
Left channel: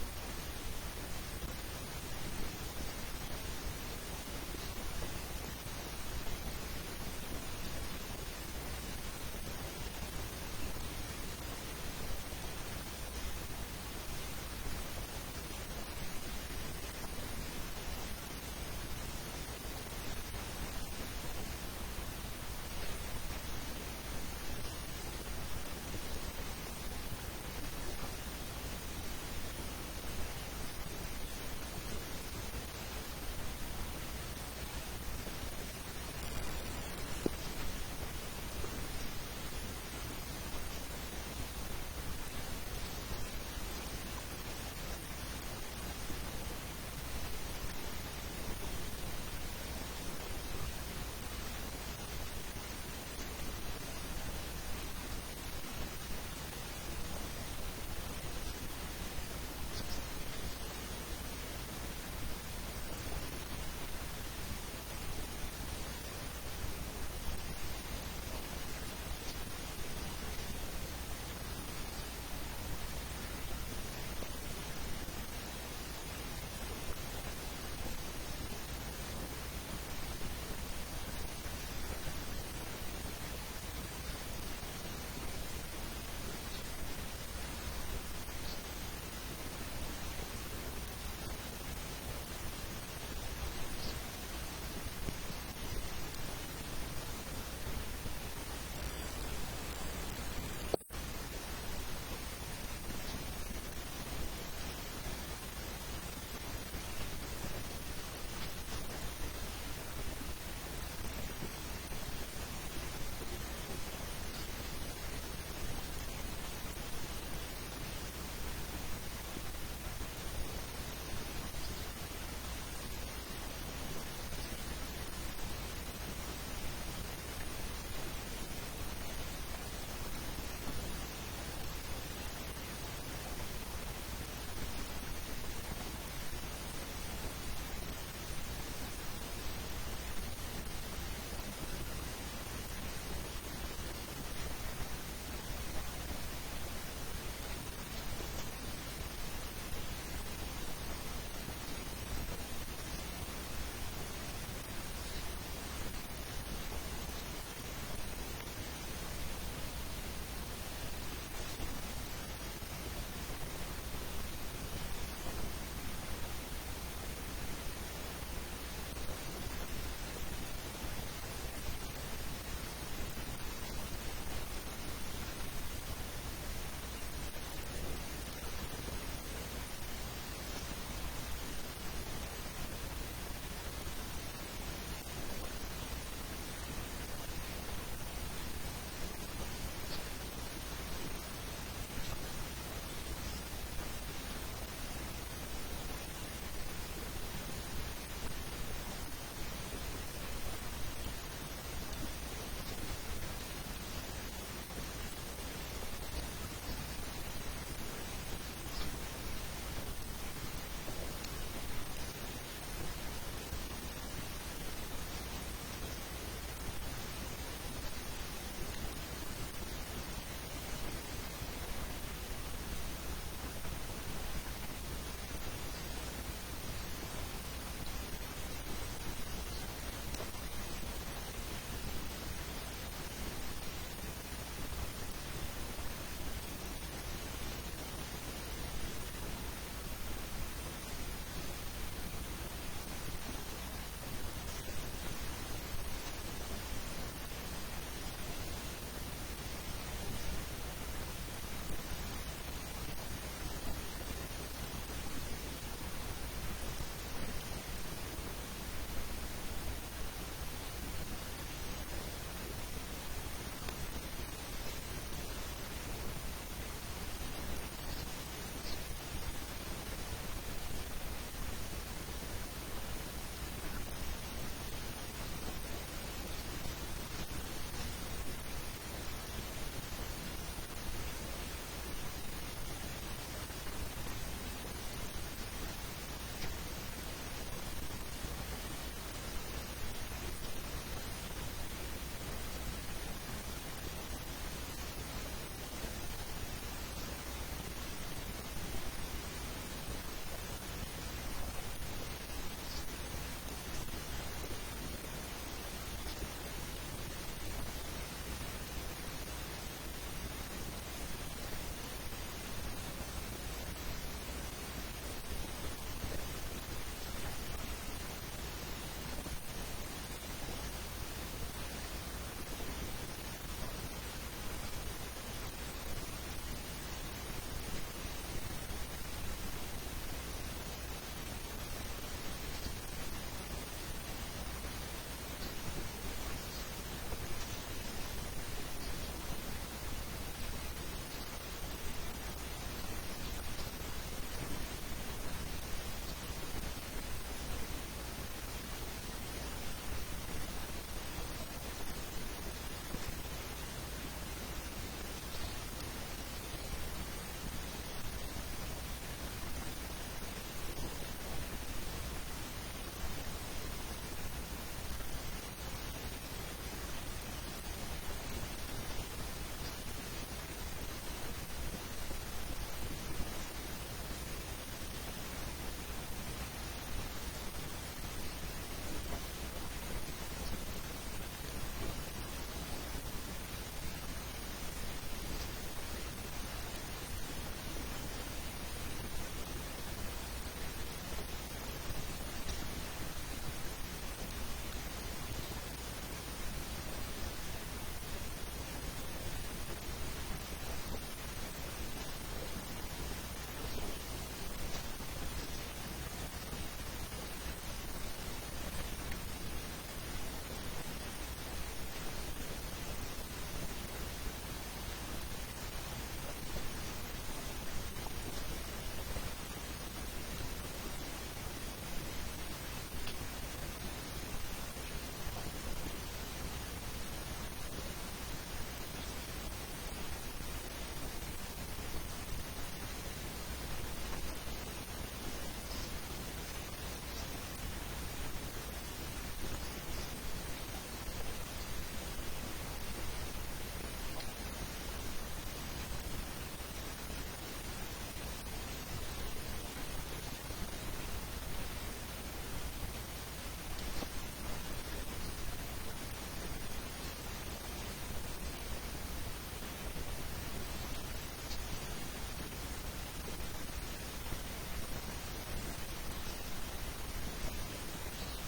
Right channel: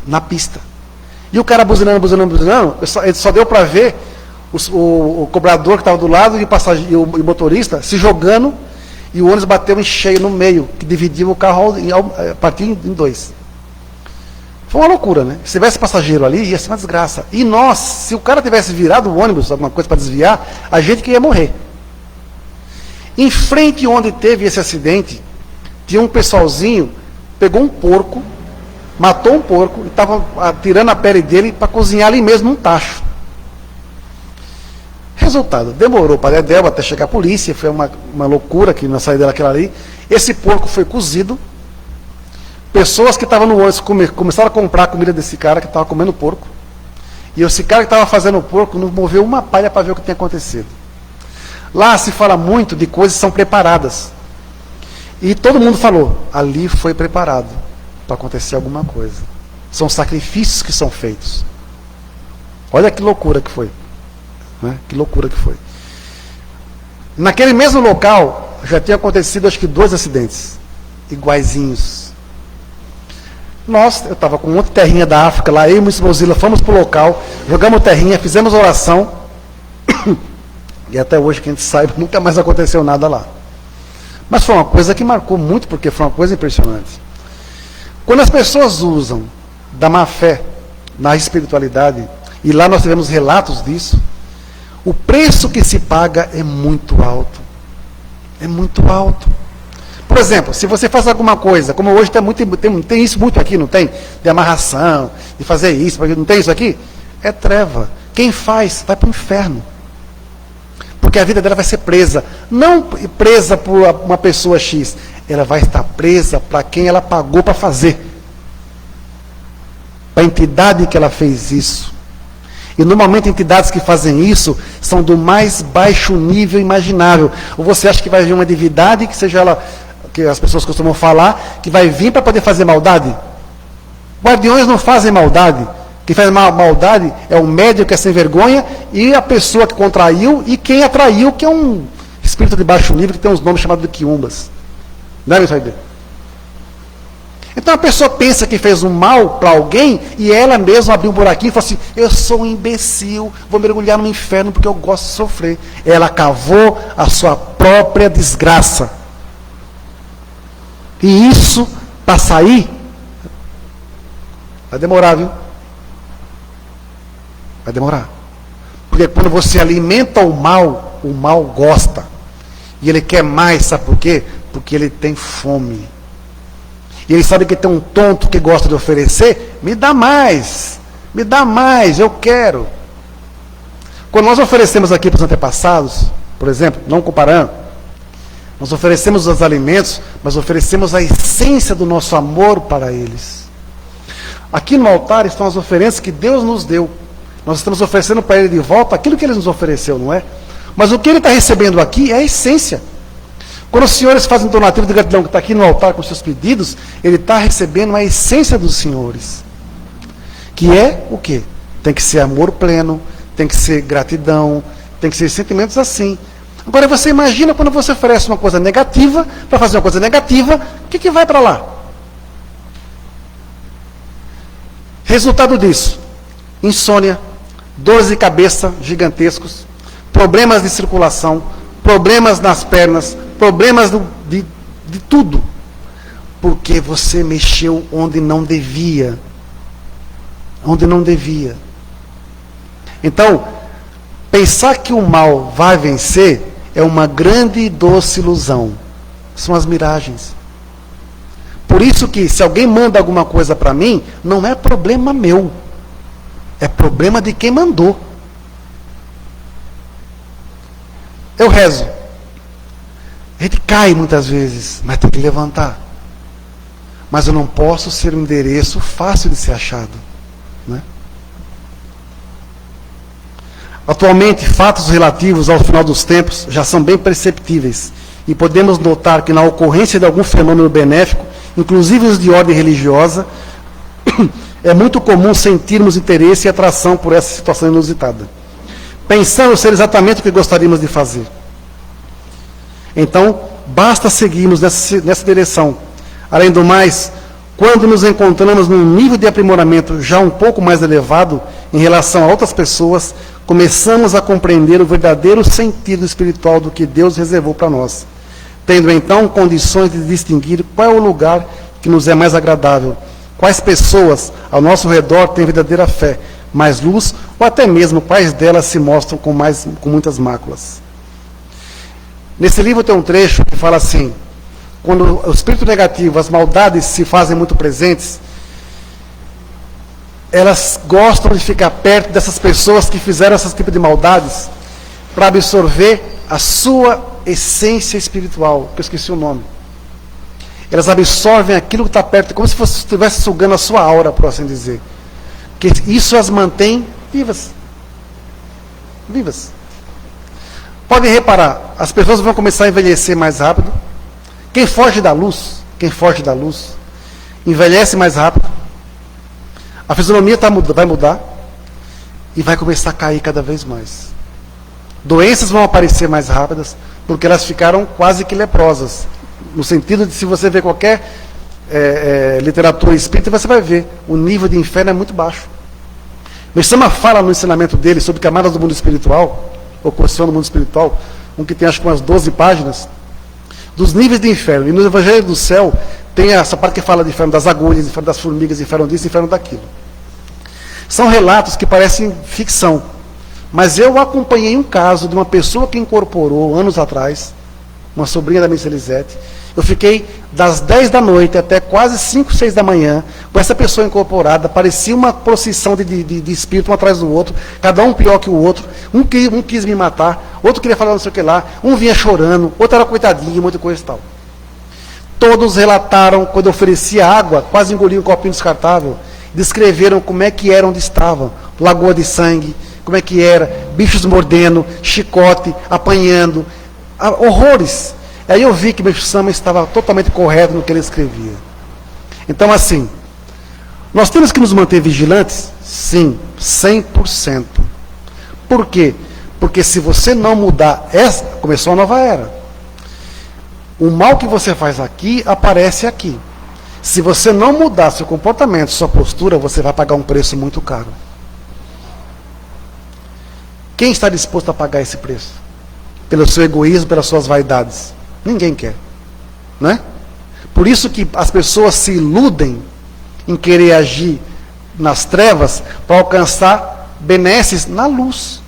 na pista. E o cara buzinando, só deu para ver o cobrador que estava do lado e o motorista se jogando, e o ônibus bateu em cheio no meio, que dividia o carro a partir em dois. Foi uma loucura, né? Se tivesse passageiro ali, ia ser uma desgraça. E nós, se o cara tivesse virado o ônibus, alguma coisa para desviar, a gente que ia morrer. Em frente onde teve esse acidente, tinha um pessoalzinho, pegou um porco, matou um porco, e estava tirando a pele dele para cozinhar ali mesmo num tacho. Resultado, demorou para Dedéu até chegar a polícia, foi uma loucura que na saída daquela ali. Esse porco foi cozido. Pessoas que estavam no ônibus começaram a comprar a comida desse cara que estava comendo porco. E esse cara que estava fazendo o porco não moveu uma palha para ver o que tinha acontecido. Lá se fala muito de coisas que são preparadas. E todo mundo falou, ali foi preparado para acontecer alguma coisa. São sacrifícios que são feitos. Olha que loucura que foi. Né? Que loucura que foi. Naquele mesmo local, já tinha acontecido acho que 2 acidentes. Iguaizinhos. Eu estava com um monte de terrinha da África lá, eu e o Mr. Mozilla fomos para o local, jogamos terrinha, fizemos oração, e até hoje, que a gente saiba, nunca mais aconteceu nada lá. Mas foi uma coisa que marcou muito, porque foi uma coisa impressionante. Quando as pessoas usam da má fé na espiritualidade, e lá nós tivemos relatos disso, o preço que se paga é muito alto. É muito alto. Por exemplo, se você faz alguma coisa, como hoje tem isso muito aqui, não tem? De amarração, de fazer isso, não tem isso aqui? É treva. Quem faz, vai para o inferno. Porque a vida dela vai ser presa. Não presa por uma pessoa X. Ela vai estar presa para quem ela pagou para fazer. Para a entidade que ela fez isso. E normalmente entidades que fazem isso são do mais baixo nível imaginável. Ou você acha que vai vir uma divindade, que seja ela, que as pessoas costumam falar, que vai vir para poder fazer maldade? Guardiões não fazem maldade. Quem faz maldade é o médium que é sem vergonha e a pessoa que contraiu e quem atraiu, que é um espírito de baixo nível que tem uns nomes chamados de quiumbas. Não é isso aí? Então a pessoa pensa que fez um mal para alguém e ela mesma abriu um buraquinho e falou assim, eu sou um imbecil, vou mergulhar no inferno porque eu gosto de sofrer. Ela cavou a sua própria desgraça. E isso, para sair, vai demorar, viu? Vai demorar. Porque quando você alimenta o mal gosta. E ele quer mais, sabe por quê? Porque ele tem fome. E ele sabe que tem um tonto que gosta de oferecer, me dá mais, eu quero. Quando nós oferecemos aqui para os antepassados, por exemplo, não comparando, nós oferecemos os alimentos, mas oferecemos a essência do nosso amor para eles. Aqui no altar estão as oferenças que Deus nos deu. Nós estamos oferecendo para Ele de volta aquilo que Ele nos ofereceu, não é? Mas o que ele está recebendo aqui é a essência. Quando os senhores fazem um donativo de gratidão que está aqui no altar com seus pedidos, ele está recebendo a essência dos senhores. Que é o quê? Tem que ser amor pleno, tem que ser gratidão, tem que ser sentimentos assim. Agora você imagina quando você oferece uma coisa negativa, para fazer uma coisa negativa, o que vai para lá? Resultado disso, insônia, dores de cabeça gigantescos, problemas de circulação, problemas nas pernas, problemas de tudo. Porque você mexeu onde não devia. Onde não devia. Então, pensar que o mal vai vencer é uma grande e doce ilusão. São as miragens. Por isso que, se alguém manda alguma coisa para mim, não é problema meu. É problema de quem mandou. Eu rezo. A gente cai muitas vezes, mas tem que levantar. Mas eu não posso ser um endereço fácil de ser achado. Né? Atualmente, fatos relativos ao final dos tempos já são bem perceptíveis. E podemos notar que na ocorrência de algum fenômeno benéfico, inclusive os de ordem religiosa, é muito comum sentirmos interesse e atração por essa situação inusitada, pensando ser exatamente o que gostaríamos de fazer. Então, basta seguirmos nessa direção. Além do mais, quando nos encontramos num nível de aprimoramento já um pouco mais elevado em relação a outras pessoas, começamos a compreender o verdadeiro sentido espiritual do que Deus reservou para nós, tendo então condições de distinguir qual é o lugar que nos é mais agradável, quais pessoas ao nosso redor têm verdadeira fé, mais luz, ou até mesmo quais delas se mostram com muitas máculas. Nesse livro tem um trecho que fala assim: quando o espírito negativo, as maldades se fazem muito presentes, elas gostam de ficar perto dessas pessoas que fizeram esse tipo de maldades para absorver a sua essência espiritual, que eu esqueci o nome. Elas absorvem aquilo que está perto, como se estivesse sugando a sua aura, por assim dizer. Que isso as mantém vivas. Vivas. Podem reparar, as pessoas vão começar a envelhecer mais rápido. Quem foge da luz, envelhece mais rápido. A fisionomia vai mudar e vai começar a cair cada vez mais. Doenças vão aparecer mais rápidas, porque elas ficaram quase que leprosas. No sentido de, se você ver qualquer literatura espírita, você vai ver, o nível de inferno é muito baixo. Messama fala no ensinamento dele sobre camadas do mundo espiritual, ou construção do mundo espiritual, um que tem acho que umas 12 páginas, dos níveis de inferno. E no Evangelho do Céu tem essa parte que fala de inferno das agulhas, inferno das formigas, inferno disso, inferno daquilo. São relatos que parecem ficção, mas eu acompanhei um caso de uma pessoa que incorporou anos atrás, uma sobrinha da Miss Elisete. Eu fiquei das 10 da noite até quase 5, 6 da manhã com essa pessoa incorporada. Parecia uma procissão de espírito um atrás do outro, cada um pior que o outro. Um quis me matar, outro queria falar não sei o que lá, um vinha chorando, outro era coitadinho, muita coisa e tal. Todos relataram, quando eu oferecia água, quase engoliam um copinho descartável, descreveram como é que era onde estavam, lagoa de sangue, como é que era, bichos mordendo, chicote, apanhando, horrores. Aí eu vi que Messama estava totalmente correto no que ele escrevia. Então, assim, nós temos que nos manter vigilantes? Sim, 100%. Por quê? Porque se você não mudar, começou a nova era. O mal que você faz aqui, aparece aqui. Se você não mudar seu comportamento, sua postura, você vai pagar um preço muito caro. Quem está disposto a pagar esse preço? Pelo seu egoísmo, pelas suas vaidades? Ninguém quer, né? Por isso que as pessoas se iludem em querer agir nas trevas para alcançar benesses na luz.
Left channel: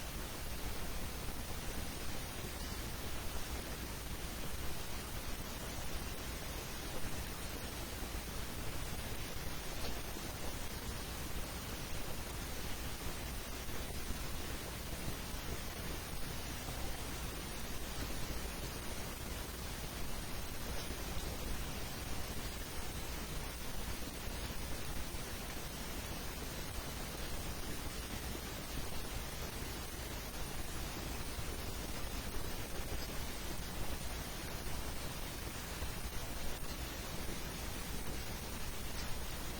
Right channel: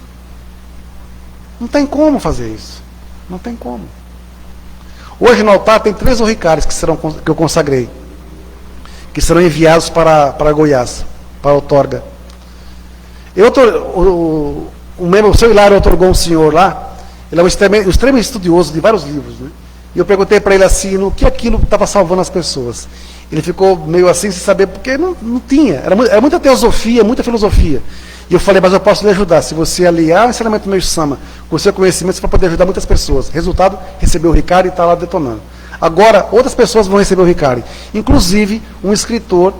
Não tem como fazer isso. Não tem como. Hoje no altar tem 3 orricários que eu consagrei, que serão enviados para Goiás, para outorga. O seu Hilário otorgou um senhor lá. Ele é um extremo estudioso de vários livros, né? E eu perguntei para ele assim, no que aquilo estava salvando as pessoas. Ele ficou meio assim, sem saber, porque não tinha. Era muita teosofia, muita filosofia. E eu falei, mas eu posso lhe ajudar. Se você aliar o ensinamento do meu Sama com o seu conhecimento, você vai poder ajudar muitas pessoas. Resultado, recebeu o Ricari e está lá detonando. Agora, outras pessoas vão receber o Ricari. Inclusive, um escritor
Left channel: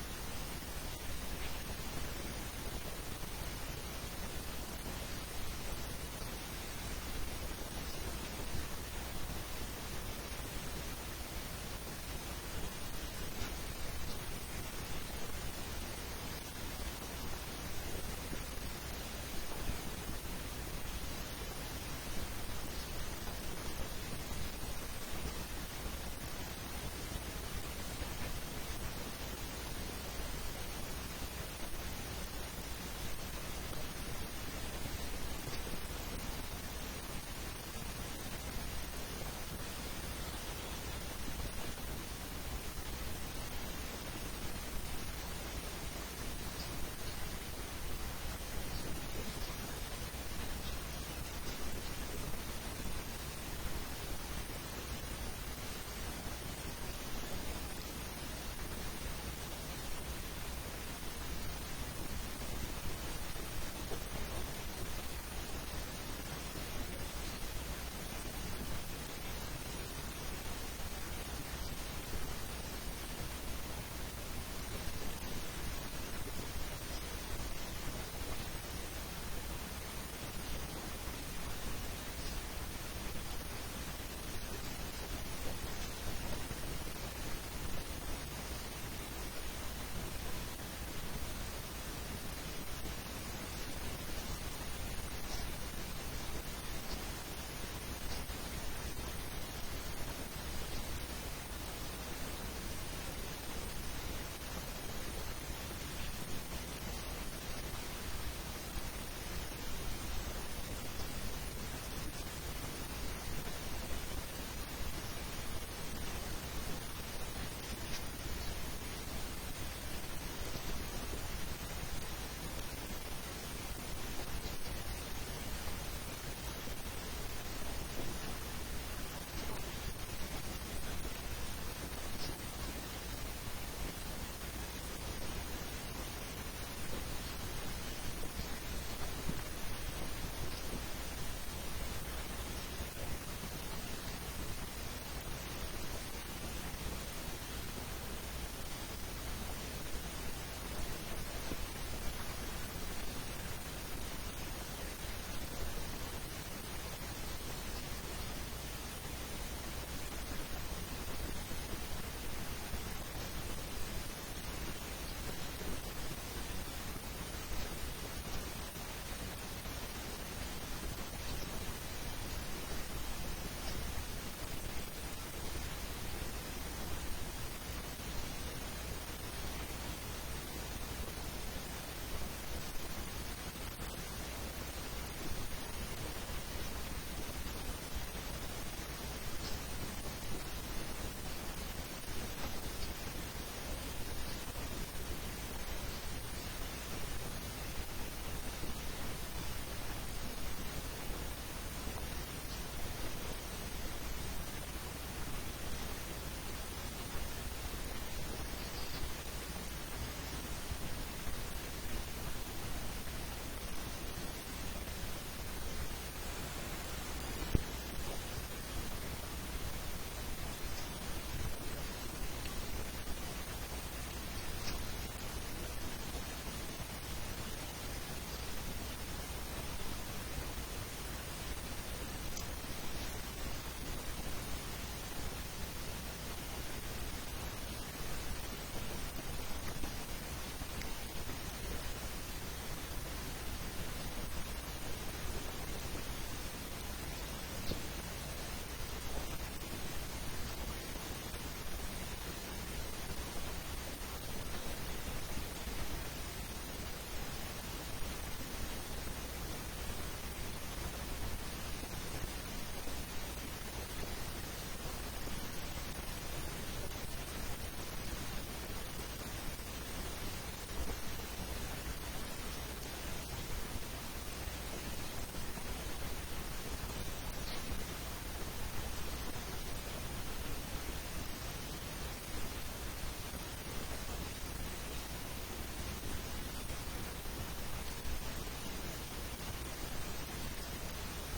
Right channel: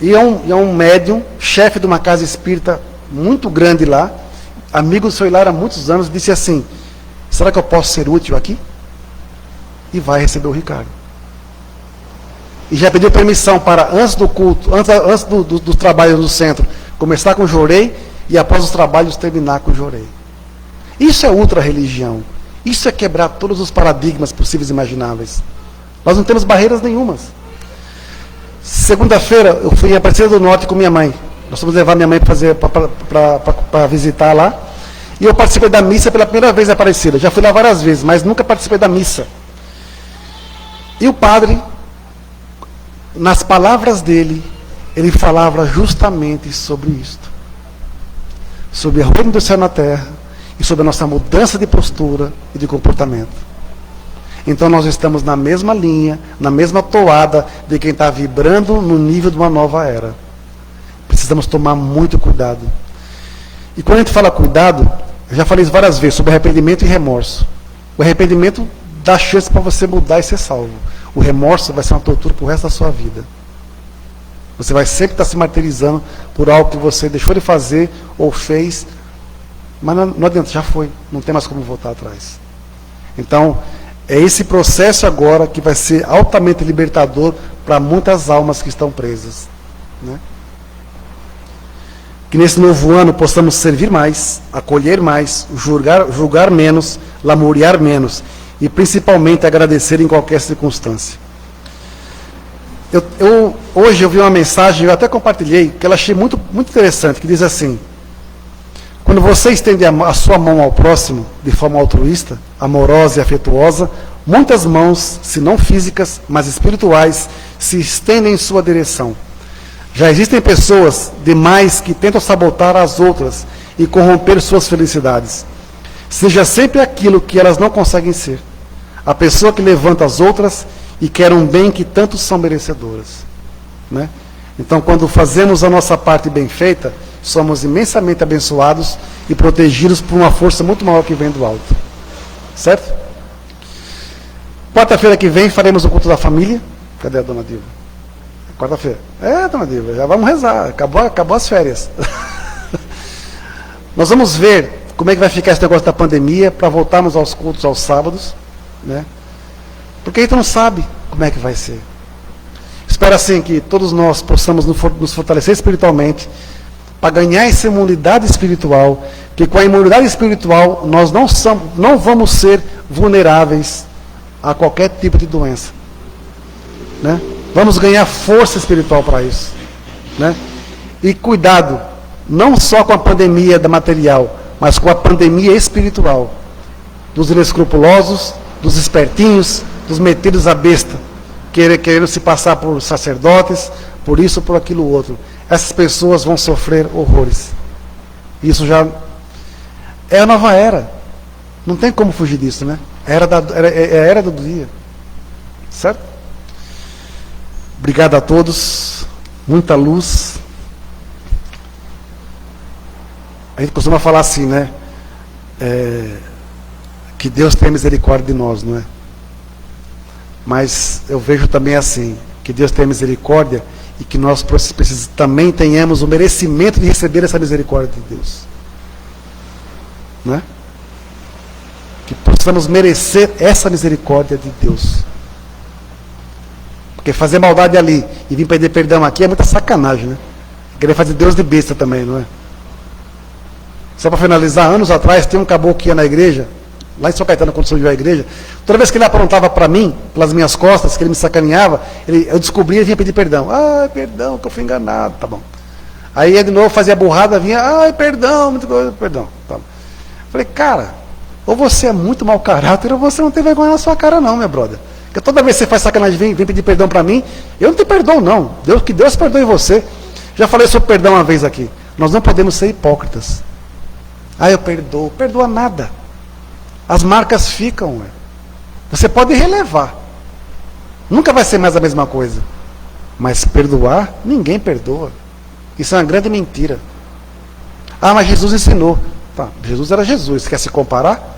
e é um médium, chefe de uma casa espírita muito grande lá, amigo do seu Hilário há muitos anos, disse assim, será que eu posso ser útil aqui? E vai receber o Ricari. E já pediu permissão para, antes do culto, antes do trabalho no centro, começar com o Jorei e após os trabalhos terminar com o Jorei. Isso é ultra-religião. Isso é quebrar todos os paradigmas possíveis e imagináveis. Nós não temos barreiras nenhumas. Segunda-feira, eu fui em Aparecida do Norte com minha mãe. Nós fomos levar minha mãe para visitar lá. E eu participei da missa pela primeira vez em Aparecida. Já fui lá várias vezes, mas nunca participei da missa. E o padre, nas palavras dele, ele falava justamente sobre isto. Sobre a reino do céu na terra e sobre a nossa mudança de postura e de comportamento. Então nós estamos na mesma linha, na mesma toada de quem está vibrando no nível de uma nova era. Precisamos tomar muito cuidado. E quando a gente fala cuidado, eu já falei isso várias vezes, sobre arrependimento e remorso. O arrependimento dá chance para você mudar e ser salvo. O remorso vai ser uma tortura para o resto da sua vida. Você vai sempre estar se martirizando por algo que você deixou de fazer ou fez, mas não adianta, já foi, não tem mais como voltar atrás. Então, é esse processo agora que vai ser altamente libertador para muitas almas que estão presas. Né? Que nesse novo ano possamos servir mais, acolher mais, julgar menos, lamuriar menos e principalmente agradecer em qualquer circunstância. Hoje eu vi uma mensagem, eu até compartilhei, que eu achei muito, muito interessante, que diz assim: quando você estende a sua mão ao próximo, de forma altruísta, amorosa e afetuosa, muitas mãos, se não físicas, mas espirituais, se estendem em sua direção. Já existem pessoas demais que tentam sabotar as outras e corromper suas felicidades. Seja sempre aquilo que elas não conseguem ser. A pessoa que levanta as outras e quer um bem que tantos são merecedoras. Né? Então, quando fazemos a nossa parte bem feita, somos imensamente abençoados e protegidos por uma força muito maior que vem do alto. Certo? Quarta-feira que vem faremos o culto da família. Cadê a dona Dilma? Quarta-feira. Dona Dilma, já vamos rezar. Acabou as férias. Nós vamos ver como é que vai ficar esse negócio da pandemia para voltarmos aos cultos aos sábados. Né? Porque a gente não sabe como é que vai ser. Espero assim que todos nós possamos nos fortalecer espiritualmente para ganhar essa imunidade espiritual, que com a imunidade espiritual nós não vamos ser vulneráveis a qualquer tipo de doença. Né? Vamos ganhar força espiritual para isso. Né? E cuidado, não só com a pandemia da material, mas com a pandemia espiritual. Dos inescrupulosos, dos espertinhos, dos metidos à besta, querendo se passar por sacerdotes, por isso, por aquilo outro. Essas pessoas vão sofrer horrores. Isso já é a nova era. Não tem como fugir disso, né? É a era do dia. Certo? Obrigado a todos. Muita luz. A gente costuma falar assim, né? Que Deus tenha misericórdia de nós, não é? Mas eu vejo também assim, que Deus tenha misericórdia e que nós também tenhamos o merecimento de receber essa misericórdia de Deus. Né? Que possamos merecer essa misericórdia de Deus. Porque fazer maldade ali e vir pedir perdão aqui é muita sacanagem, né? Querer fazer Deus de besta também, não é? Só para finalizar, anos atrás, tem um caboclo que ia na igreja, lá em São Caetano, quando surgiu a igreja, toda vez que ele aprontava para mim, pelas minhas costas, que ele me sacaneava, eu descobria e vinha pedir perdão. Perdão, que eu fui enganado, tá bom. Aí ele de novo fazia burrada, vinha, perdão, muito perdão. Tá bom. Falei, cara, ou você é muito mau caráter, ou você não tem vergonha na sua cara não, meu brother. Porque toda vez que você faz sacanagem, vem pedir perdão para mim, eu não te perdoo não. Que Deus perdoe você. Já falei sobre perdão uma vez aqui. Nós não podemos ser hipócritas. Eu perdoo. Perdoa nada. As marcas ficam. Ué. Você pode relevar. Nunca vai ser mais a mesma coisa. Mas perdoar, ninguém perdoa. Isso é uma grande mentira. Ah, mas Jesus ensinou. Tá, Jesus era Jesus, quer se comparar?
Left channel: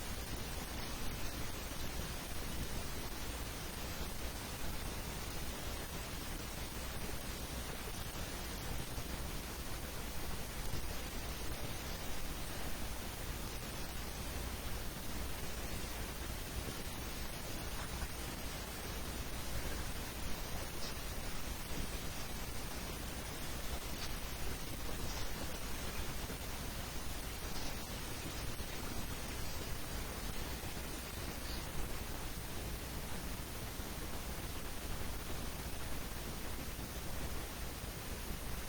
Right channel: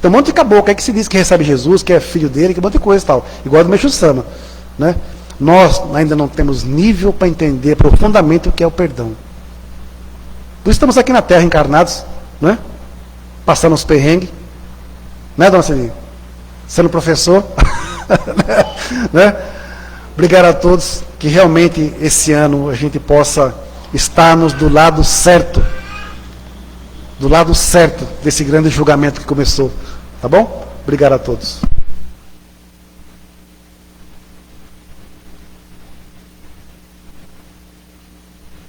Tem um monte de caboclo aí que se diz que recebe Jesus, que é filho dele, que um monte de coisa e tal. Igual do Meixo Sama, né? Nós ainda não temos nível para entender profundamente o que é o perdão. Por isso estamos aqui na Terra encarnados, né? Passando os perrengues, né, dona Celinha? Sendo professor, né? Obrigado a todos, que realmente esse ano a gente possa estarmos do lado certo desse grande julgamento que começou, tá bom? Obrigado a todos.